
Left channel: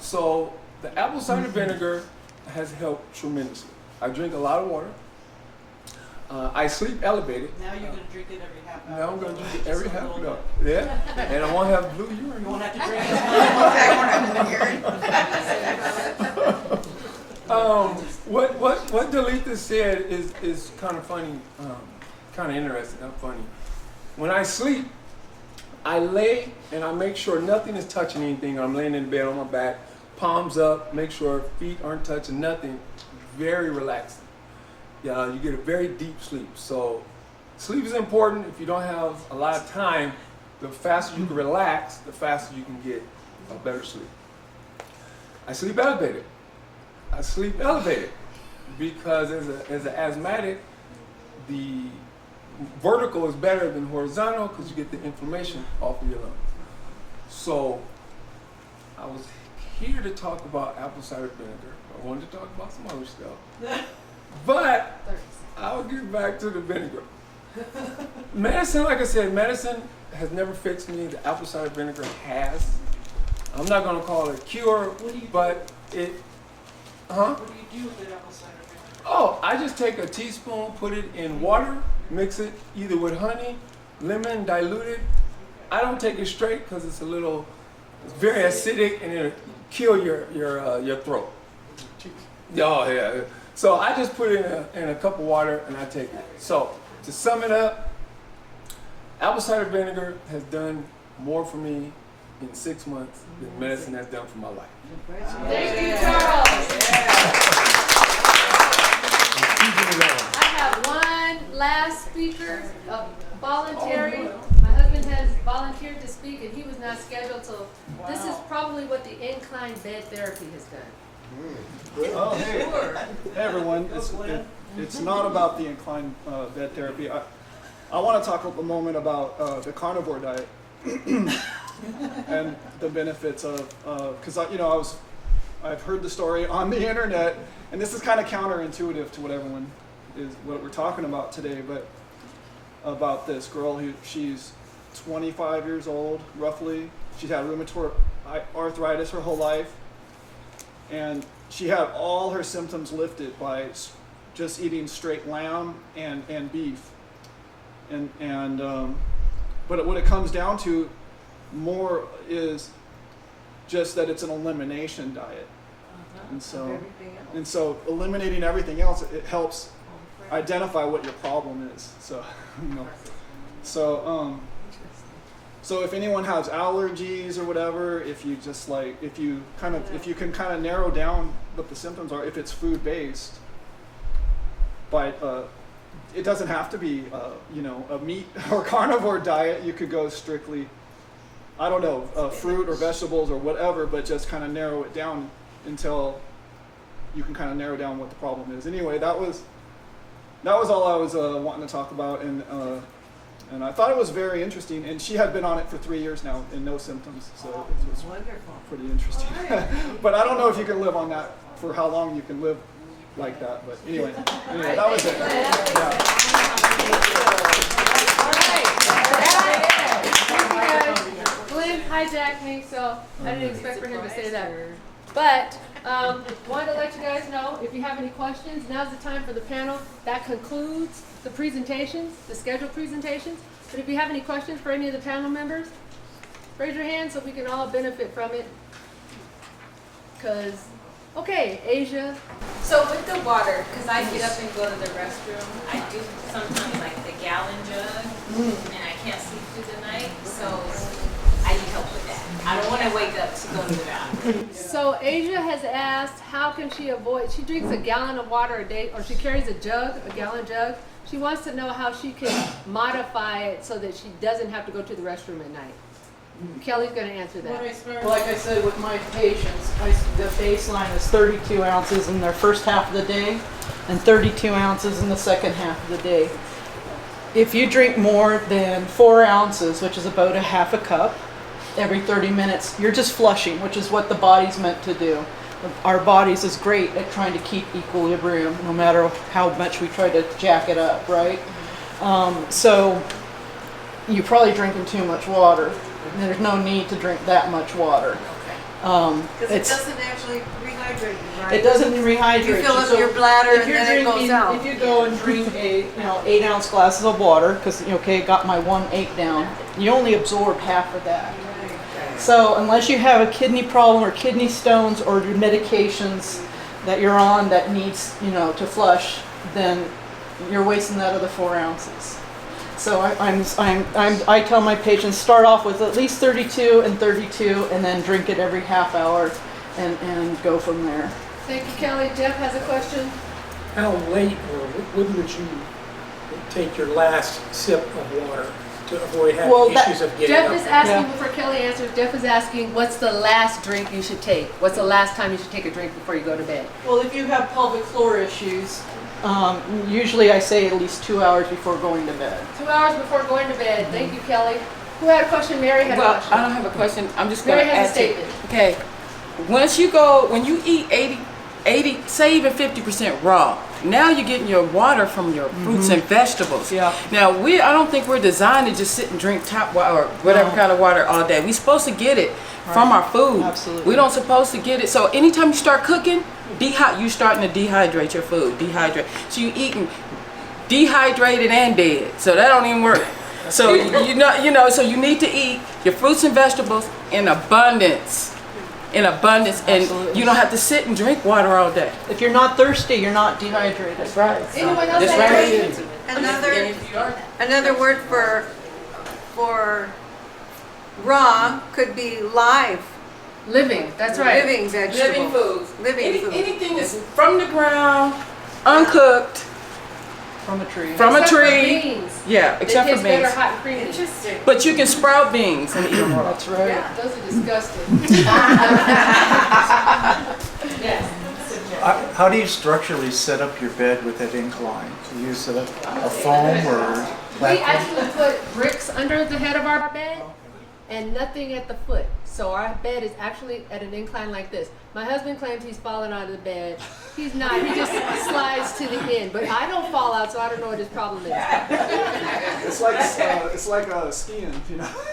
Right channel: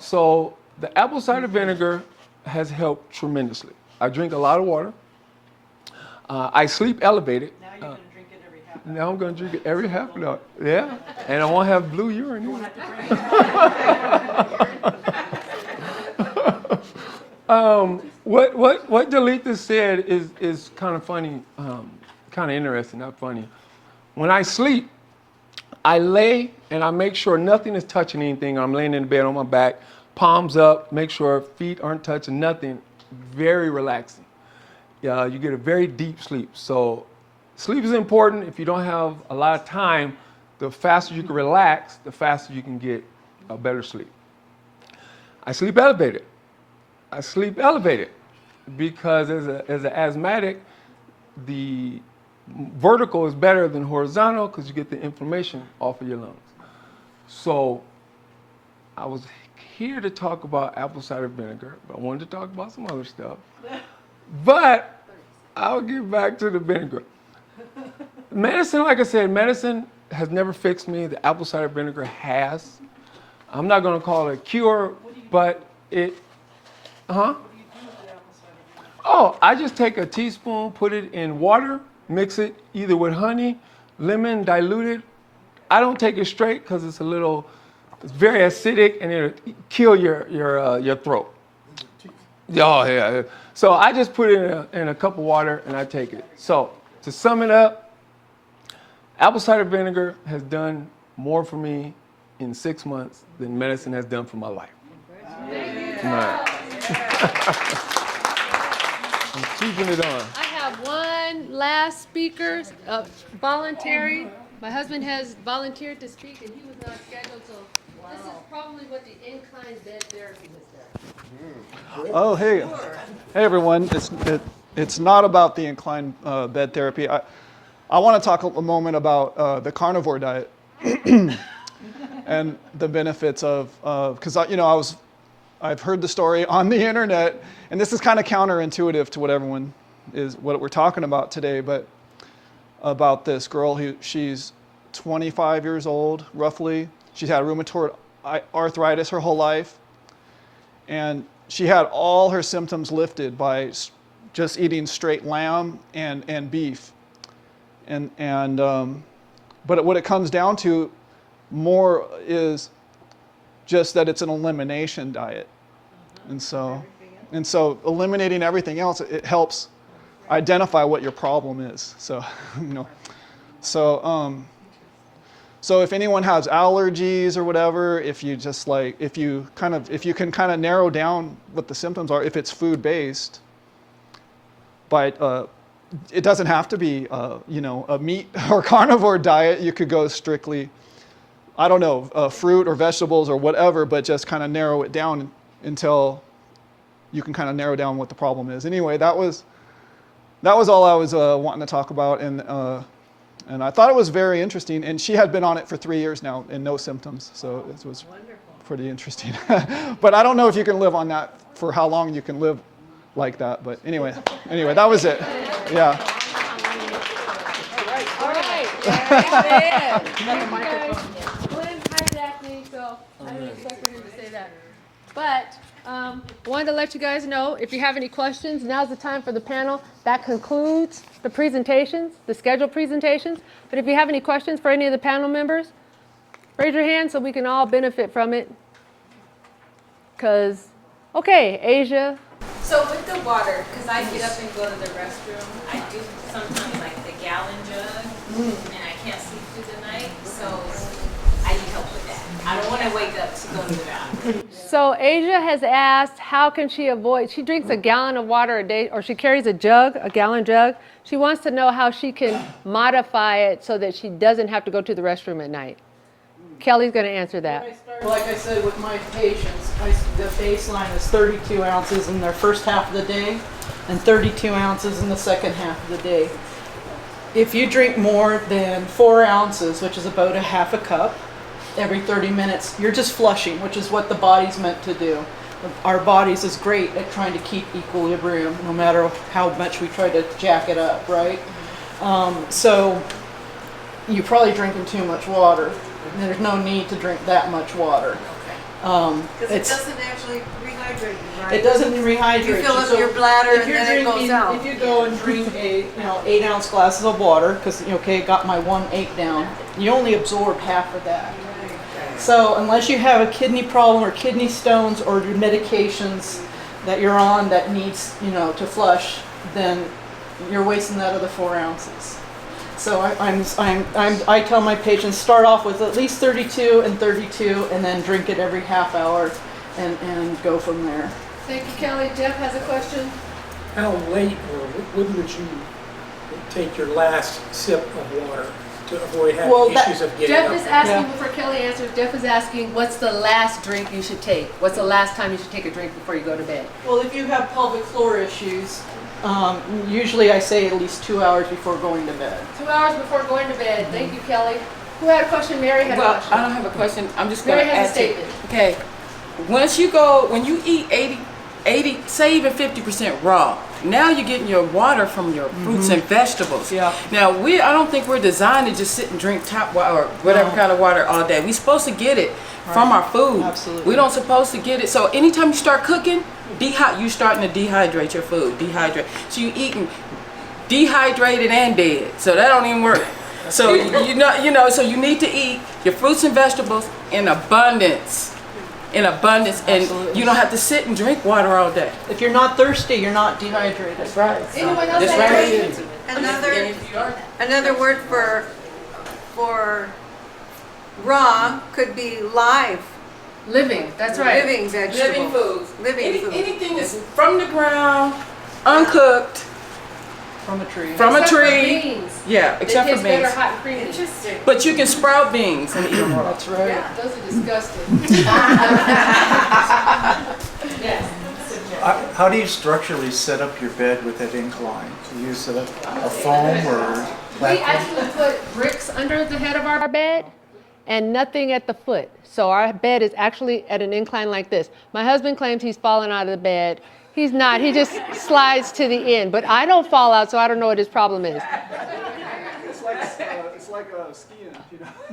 So the apple cider vinegar has helped tremendously. I drink a lot of water. I sleep elevated. Now you're going to drink it every half hour. Now I'm going to drink it every half an hour. Yeah. And I won't have blue urine. You won't have to drink it. What Delita said is kind of funny, kind of interesting, not funny. When I sleep, I lay and I make sure nothing is touching anything. I'm laying in the bed on my back, palms up, make sure feet aren't touching nothing. Very relaxing. Yeah, you get a very deep sleep. So sleep is important. If you don't have a lot of time, the faster you can relax, the faster you can get a better sleep. I sleep elevated. Because as an asthmatic, the vertical is better than horizontal because you get the inflammation off of your lungs. So I was here to talk about apple cider vinegar. I wanted to talk about some other stuff. But I'll get back to the vinegar. Medicine, like I said, medicine has never fixed me. The apple cider vinegar has. I'm not going to call it a cure, but it... Huh? What do you do with the apple cider vinegar? Oh, I just take a teaspoon, put it in water, mix it either with honey, lemon, dilute it. I don't take it straight because it's very acidic and it'll kill your throat. Oh, yeah. So I just put it in a cup of water and I take it. So to sum it up, apple cider vinegar has done more for me in 6 months than medicine has done for my life. Thank you, Charles. I have one last speaker, voluntary. My husband has volunteered to speak, and he was not scheduled, so this is probably what the incline bed therapy has done. Oh, hey. Hey, everyone. It's not about the incline bed therapy. I want to talk a moment about the carnivore diet and the benefits of, because I've heard the story on the internet, and this is kind of counterintuitive to what we're talking about today, but about this girl she's 25 years old, roughly. She's had rheumatoid arthritis her whole life, and she had all her symptoms lifted by just eating straight lamb and beef, but what it comes down to more is just that it's an elimination diet, and so eliminating everything else, it helps identify what your problem is. So so if anyone has allergies or whatever, if you can kind of narrow down what the symptoms are, if it's food based, by it doesn't have to be, a meat or carnivore diet. You could go strictly, I don't know, fruit or vegetables or whatever, but just kind of narrow it down until you can kind of narrow down what the problem is. Anyway, that was all I was wanting to talk about, and I thought it was very interesting. And she had been on it for 3 years now and no symptoms, so it was pretty interesting. But I don't know if you can live on that for how long you can live like that. But anyway, that was it. Yeah. Glenn hijacked me, so I didn't expect for him to say that. But wanted to let you guys know, if you have any questions, now's the time for the panel. That concludes the presentations, the scheduled presentations. But if you have any questions for any of the panel members, raise your hand so we can all benefit from it. Okay, Asia. So with the water, because I get up and go to the restroom, I do sometimes like the gallon jug, and I can't sleep through the night, so I need help with that. I don't want to wake up to go to the bathroom. So Asia has asked, how can she avoid, she drinks a gallon of water a day, or she carries a gallon jug. She wants to know how she can modify it so that she doesn't have to go to the restroom at night. Kelly's going to answer that. Like I said, with my patients, the baseline is 32 ounces in their first half of the day and 32 ounces in the second half of the day. If you drink more than 4 ounces, which is about a half a cup, every 30 minutes, you're just flushing, which is what the body's meant to do. Our bodies is great at trying to keep equilibrium, no matter how much we try to jack it up, right? So you're probably drinking too much water. There's no need to drink that much water. Because it doesn't actually rehydrate you, right? It doesn't rehydrate You fill up So your bladder if and you're then it goes drinking- out. If you go and drink 8 ounce glasses of water, because got my 1/8 down, you only absorb half of that. So unless you have a kidney problem or kidney stones or your medications that you're on that needs to flush, then you're wasting that other 4 ounces. So I tell my patients, start off with at least 32 and 32, and then drink it every half hour, and go from there. Thank you, Kelly. Jeff has a question. How late or when would you take your last sip of water to avoid having issues of getting Jeff up? is asking, before Kelly answers, Jeff is asking, what's the last drink you should take? What's the last time you should take a drink before you go to bed? Well, if you have pelvic floor issues, usually I say at least 2 hours before going to bed. 2 hours before going to bed. Thank you, Kelly. Who had a question? Mary had a Well, question. I don't have a question. I'm just going Mary to has a ask you. statement. Okay. When you eat 80, say even 50% raw, now you're getting your water from your fruits and vegetables. Yeah. Now, I don't think we're designed to just sit and drink tap water or whatever kind of water all day. We're supposed to get it from our food. Absolutely. We don't supposed to get it. So anytime you start cooking, you're starting to dehydrate your food. So you're eating dehydrated and dead. So that don't even work. So so you need to eat your fruits and vegetables in abundance. And Absolutely. you don't have to sit and drink water all day. If you're not thirsty, you're not dehydrated. That's right. Anyone else That's have a right. question? Another word for raw could be live. Living. That's right. Living vegetables. Living foods. Living foods. Anything that's from the ground, uncooked, From a tree. from a Except for tree. beans. Yeah, They except for taste better beans. hot and creamy. Interesting. But you can sprout beans and eat them raw. That's right. Yeah, those are disgusting. Yes. How do you structurally set up your bed with that incline? Do you use a foam or We platform? actually put bricks under the head of our bed and nothing at the foot. So our bed is actually at an incline like this. My husband claims he's fallen out of the bed. He's not. He just slides to the end. But I don't fall out, so I don't know what his problem is. It's like skiing,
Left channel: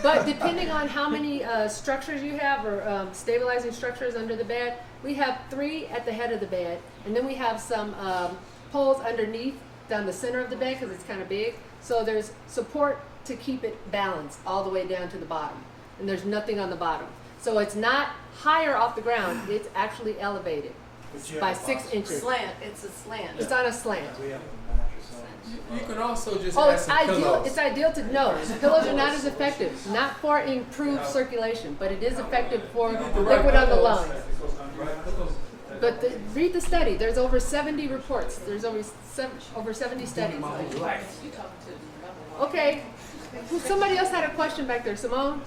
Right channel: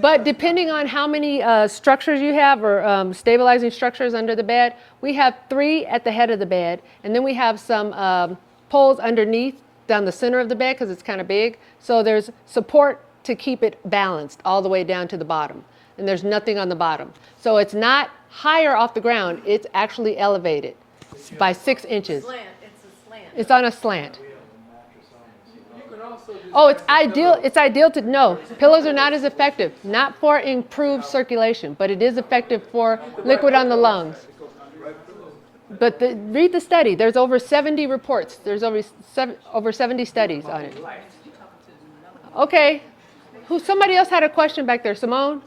But depending on how many structures you have, or stabilizing structures under the bed, we have 3 at the head of the bed, and then we have some poles underneath down the center of the bed because it's kind of big. So there's support to keep it balanced all the way down to the bottom, and there's nothing on the bottom. So it's not higher off the ground, it's actually elevated by 6 inches. Slant. It's a slant. It's on a slant. You can also just Oh, add it's some ideal. pillows. It's ideal to no. Pillows are not as effective. Not for improved circulation, but it is effective for liquid on the lungs. But read the study. There's over 70 reports. There's over 70 studies on it. Okay. Somebody else had a question back there. Simone?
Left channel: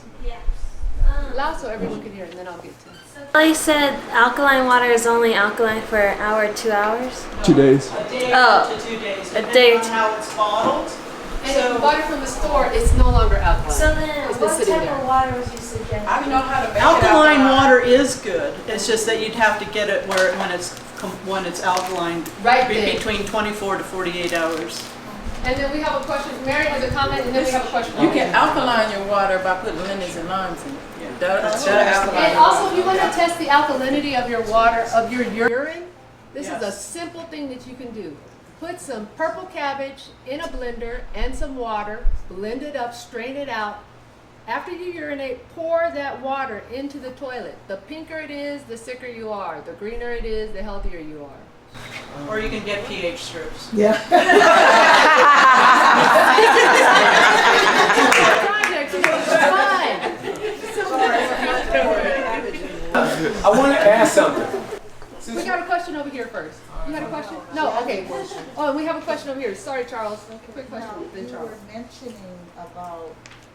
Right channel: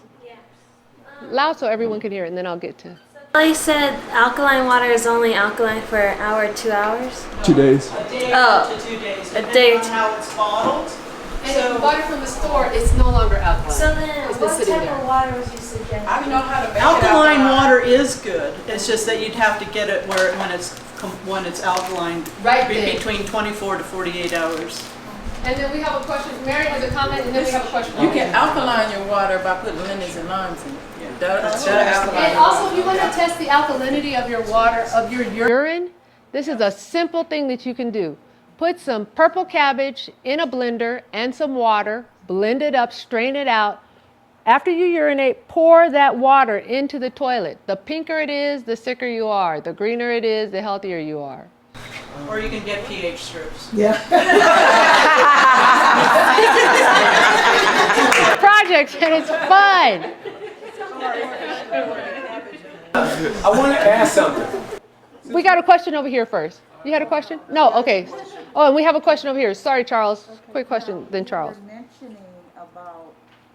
Loud so everyone can hear it, and then I'll get to. Well, you said alkaline water is only alkaline for an hour, 2 hours? 2 days. A day Oh, to 2 days, a depending day on to- how it's bottled. And if you bought it from the store, it's no longer alkaline. So then, It's been what sitting type there. of water would you suggest? I don't know how to make Alkaline it water is good. It's just that you'd have to get it when it's alkaline Right then. between 24 to 48 hours. And then we have a question. Mary has a comment, and then we have a question. You can alkaline your water by putting lemons and limes in it. That's And alkaline. also, if you want to test the alkalinity of your water, of your urine, this is a simple thing that you can do. Put some purple cabbage in a blender and some water, blend it up, strain it out. After you urinate, pour that water into the toilet. The pinker it is, the sicker you are. The greener it is, the healthier you are. Or you can get pH strips. Projects, it's fun. I want to ask something. We got a question over here first. You had a question? No, okay. Oh, and we have a question over here. Sorry, Charles. Quick question, then Charles. You were mentioning about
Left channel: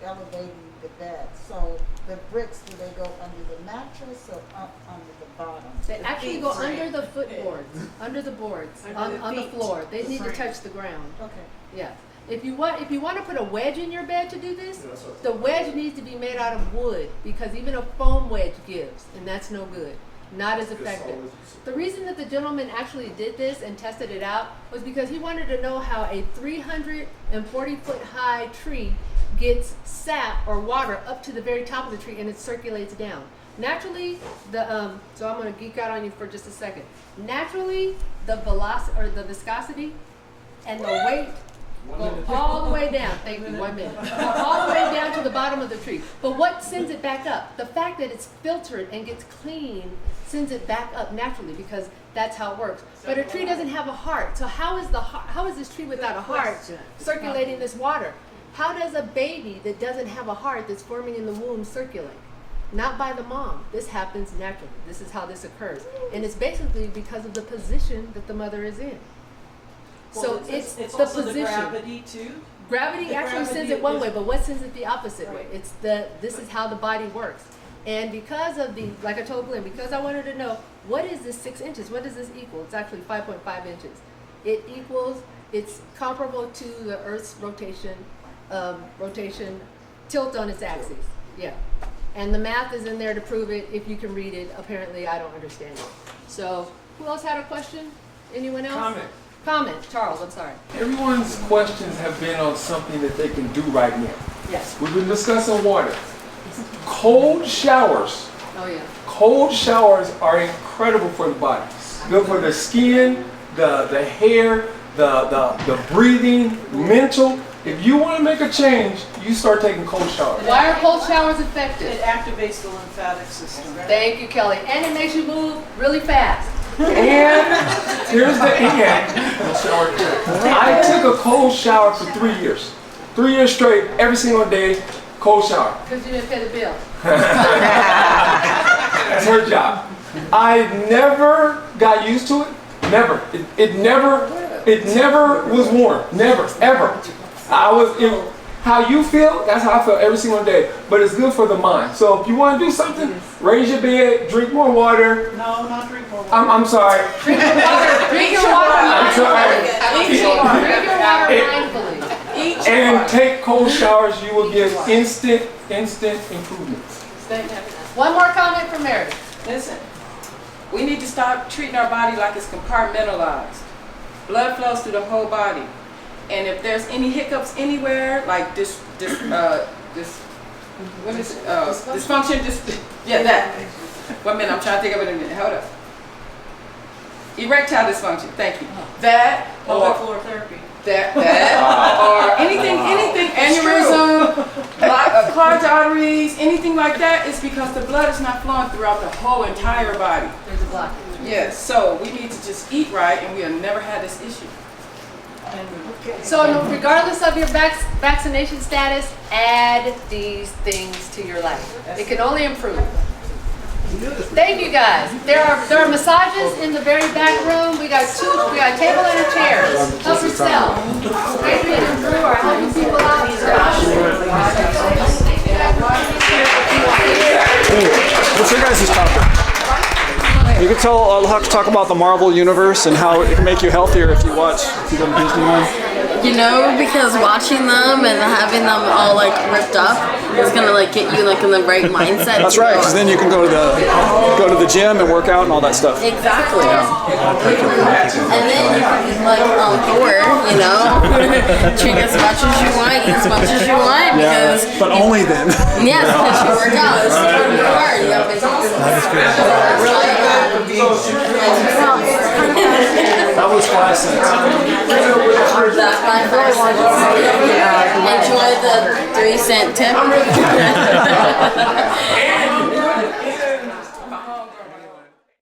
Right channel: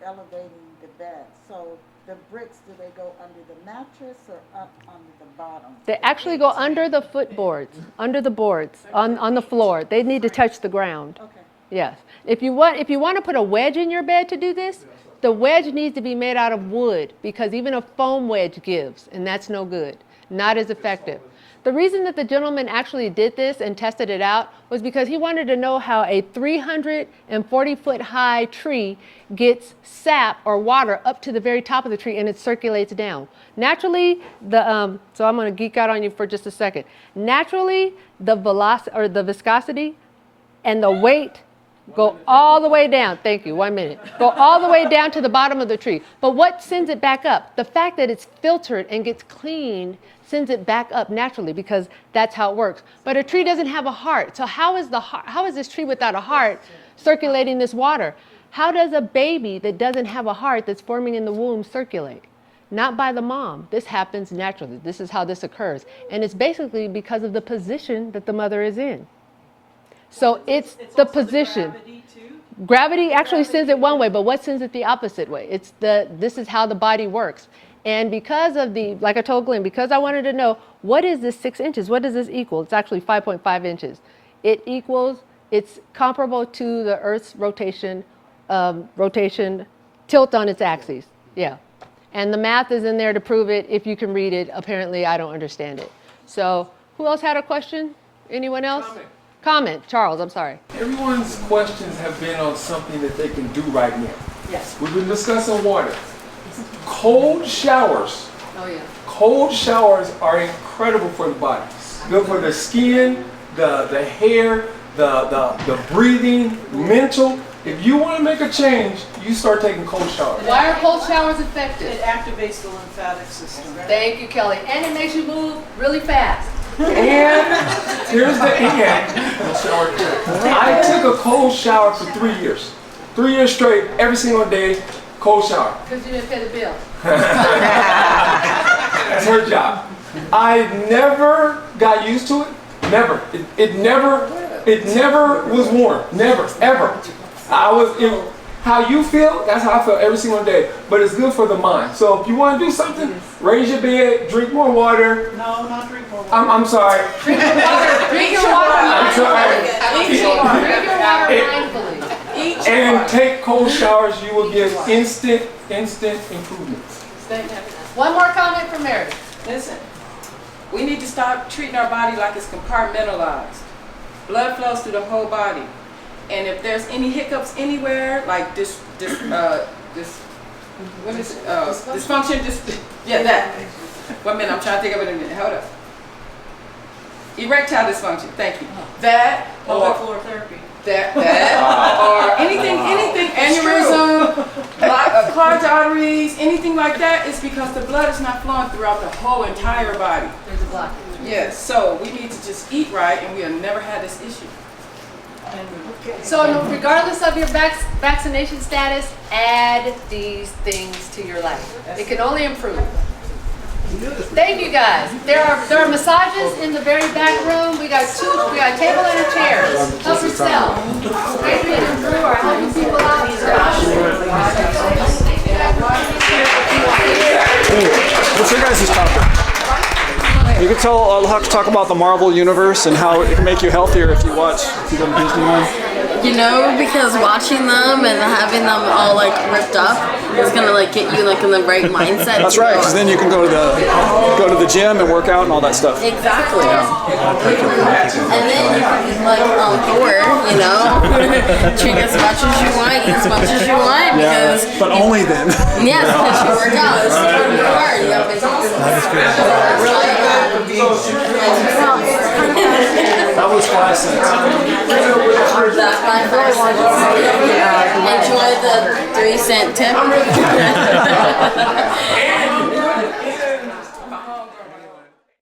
elevating the bed. So the bricks, do they go under the mattress or up under the bottom? They actually go under the footboards, under the boards, on the floor. They need to touch the ground. Okay. Yes. If you want to put a wedge in your bed to do this, the wedge needs to be made out of wood because even a foam wedge gives, and that's no good. Not as effective. The reason that the gentleman actually did this and tested it out was because he wanted to know how a 340-foot high tree gets sap or water up to the very top of the tree and it circulates down. Naturally, so I'm going to geek out on you for just a second. Naturally, the velocity or the viscosity and the weight go all the way down. Thank you. 1 minute. Go all the way down to the bottom of the tree. But what sends it back up? The fact that it's filtered and gets clean sends it back up naturally because that's how it works. But a tree doesn't have a heart. So how is this tree without a heart circulating this water? How does a baby that doesn't have a heart that's forming in the womb circulate? Not by the mom. This happens naturally. This is how this occurs. And it's basically because of the position that the mother is in. So it's the position. Gravity actually sends it one way, but what sends it the opposite way? This is how the body works. And because of like I told Glenn, because I wanted to know, what is this 6 inches? What does this equal? It's actually 5.5 inches. It's comparable to the Earth's rotation tilt on its axis. Yeah. And the math is in there to prove it. If you can read it, apparently I don't understand it. So who else had a question? Anyone else? Comment. Charles, I'm sorry. Everyone's questions have been on something that they can do right now. Yes. We've been discussing water. Cold showers. Oh, yeah. Cold showers are incredible for the body. Good for the skin, the hair, the breathing, mental. If you want to make a change, you start taking cold showers. Why are cold showers effective? It activates the lymphatic system. Thank you, Kelly. And it makes you move really fast. And here's the end. I took a cold shower for 3 years. 3 years straight, every single day, cold shower. Because you didn't pay the bill. That's her job. I never got used to it. Never. It never was warm. Never, ever. How you feel, that's how I feel every single day. But it's good for the mind. So if you want to do something, raise your bed, drink more water. No, not drink more water. I'm sorry. Drink your water. Drink your water. I'm sorry. Drink your water mindfully. And take cold showers. You will get instant improvements. One more comment from Mary. Listen, we need to stop treating our body like it's compartmentalized. Blood flows through the whole body. And if there's any hiccups anywhere, like dysfunction, that. 1 minute, I'm trying to think of it in a minute. Hold up. Erectile dysfunction, thank you. That, or therapy. Or anything, aneurysm, clogged arteries, anything like that, is because the blood is not flowing throughout the whole entire body. There's a blockage. Yes, so we need to just eat right, and we'll never have this issue. So regardless of your vaccination status, add these things to your life. It can only improve. Thank you guys. There are massages in the very back room. We got a table and a chair. Help yourself. Adrian and Drew are helping people out. What's your guys' topic? You can tell. I'll have to talk about the Marvel universe and how it can make you healthier if you watch. If you go to Disneyland. You know, because watching them and having them all like ripped up is gonna like get you like in the right mindset. That's right, because then you can go to the gym and work out and all that stuff. Exactly. And then you can like Thor, you know, drink as much as you want, eat as much as you want, because but only then. Yes, because you work out. It's really hard. You have That was 5 cents. That's my 5 cents. Enjoy the 3-cent tip.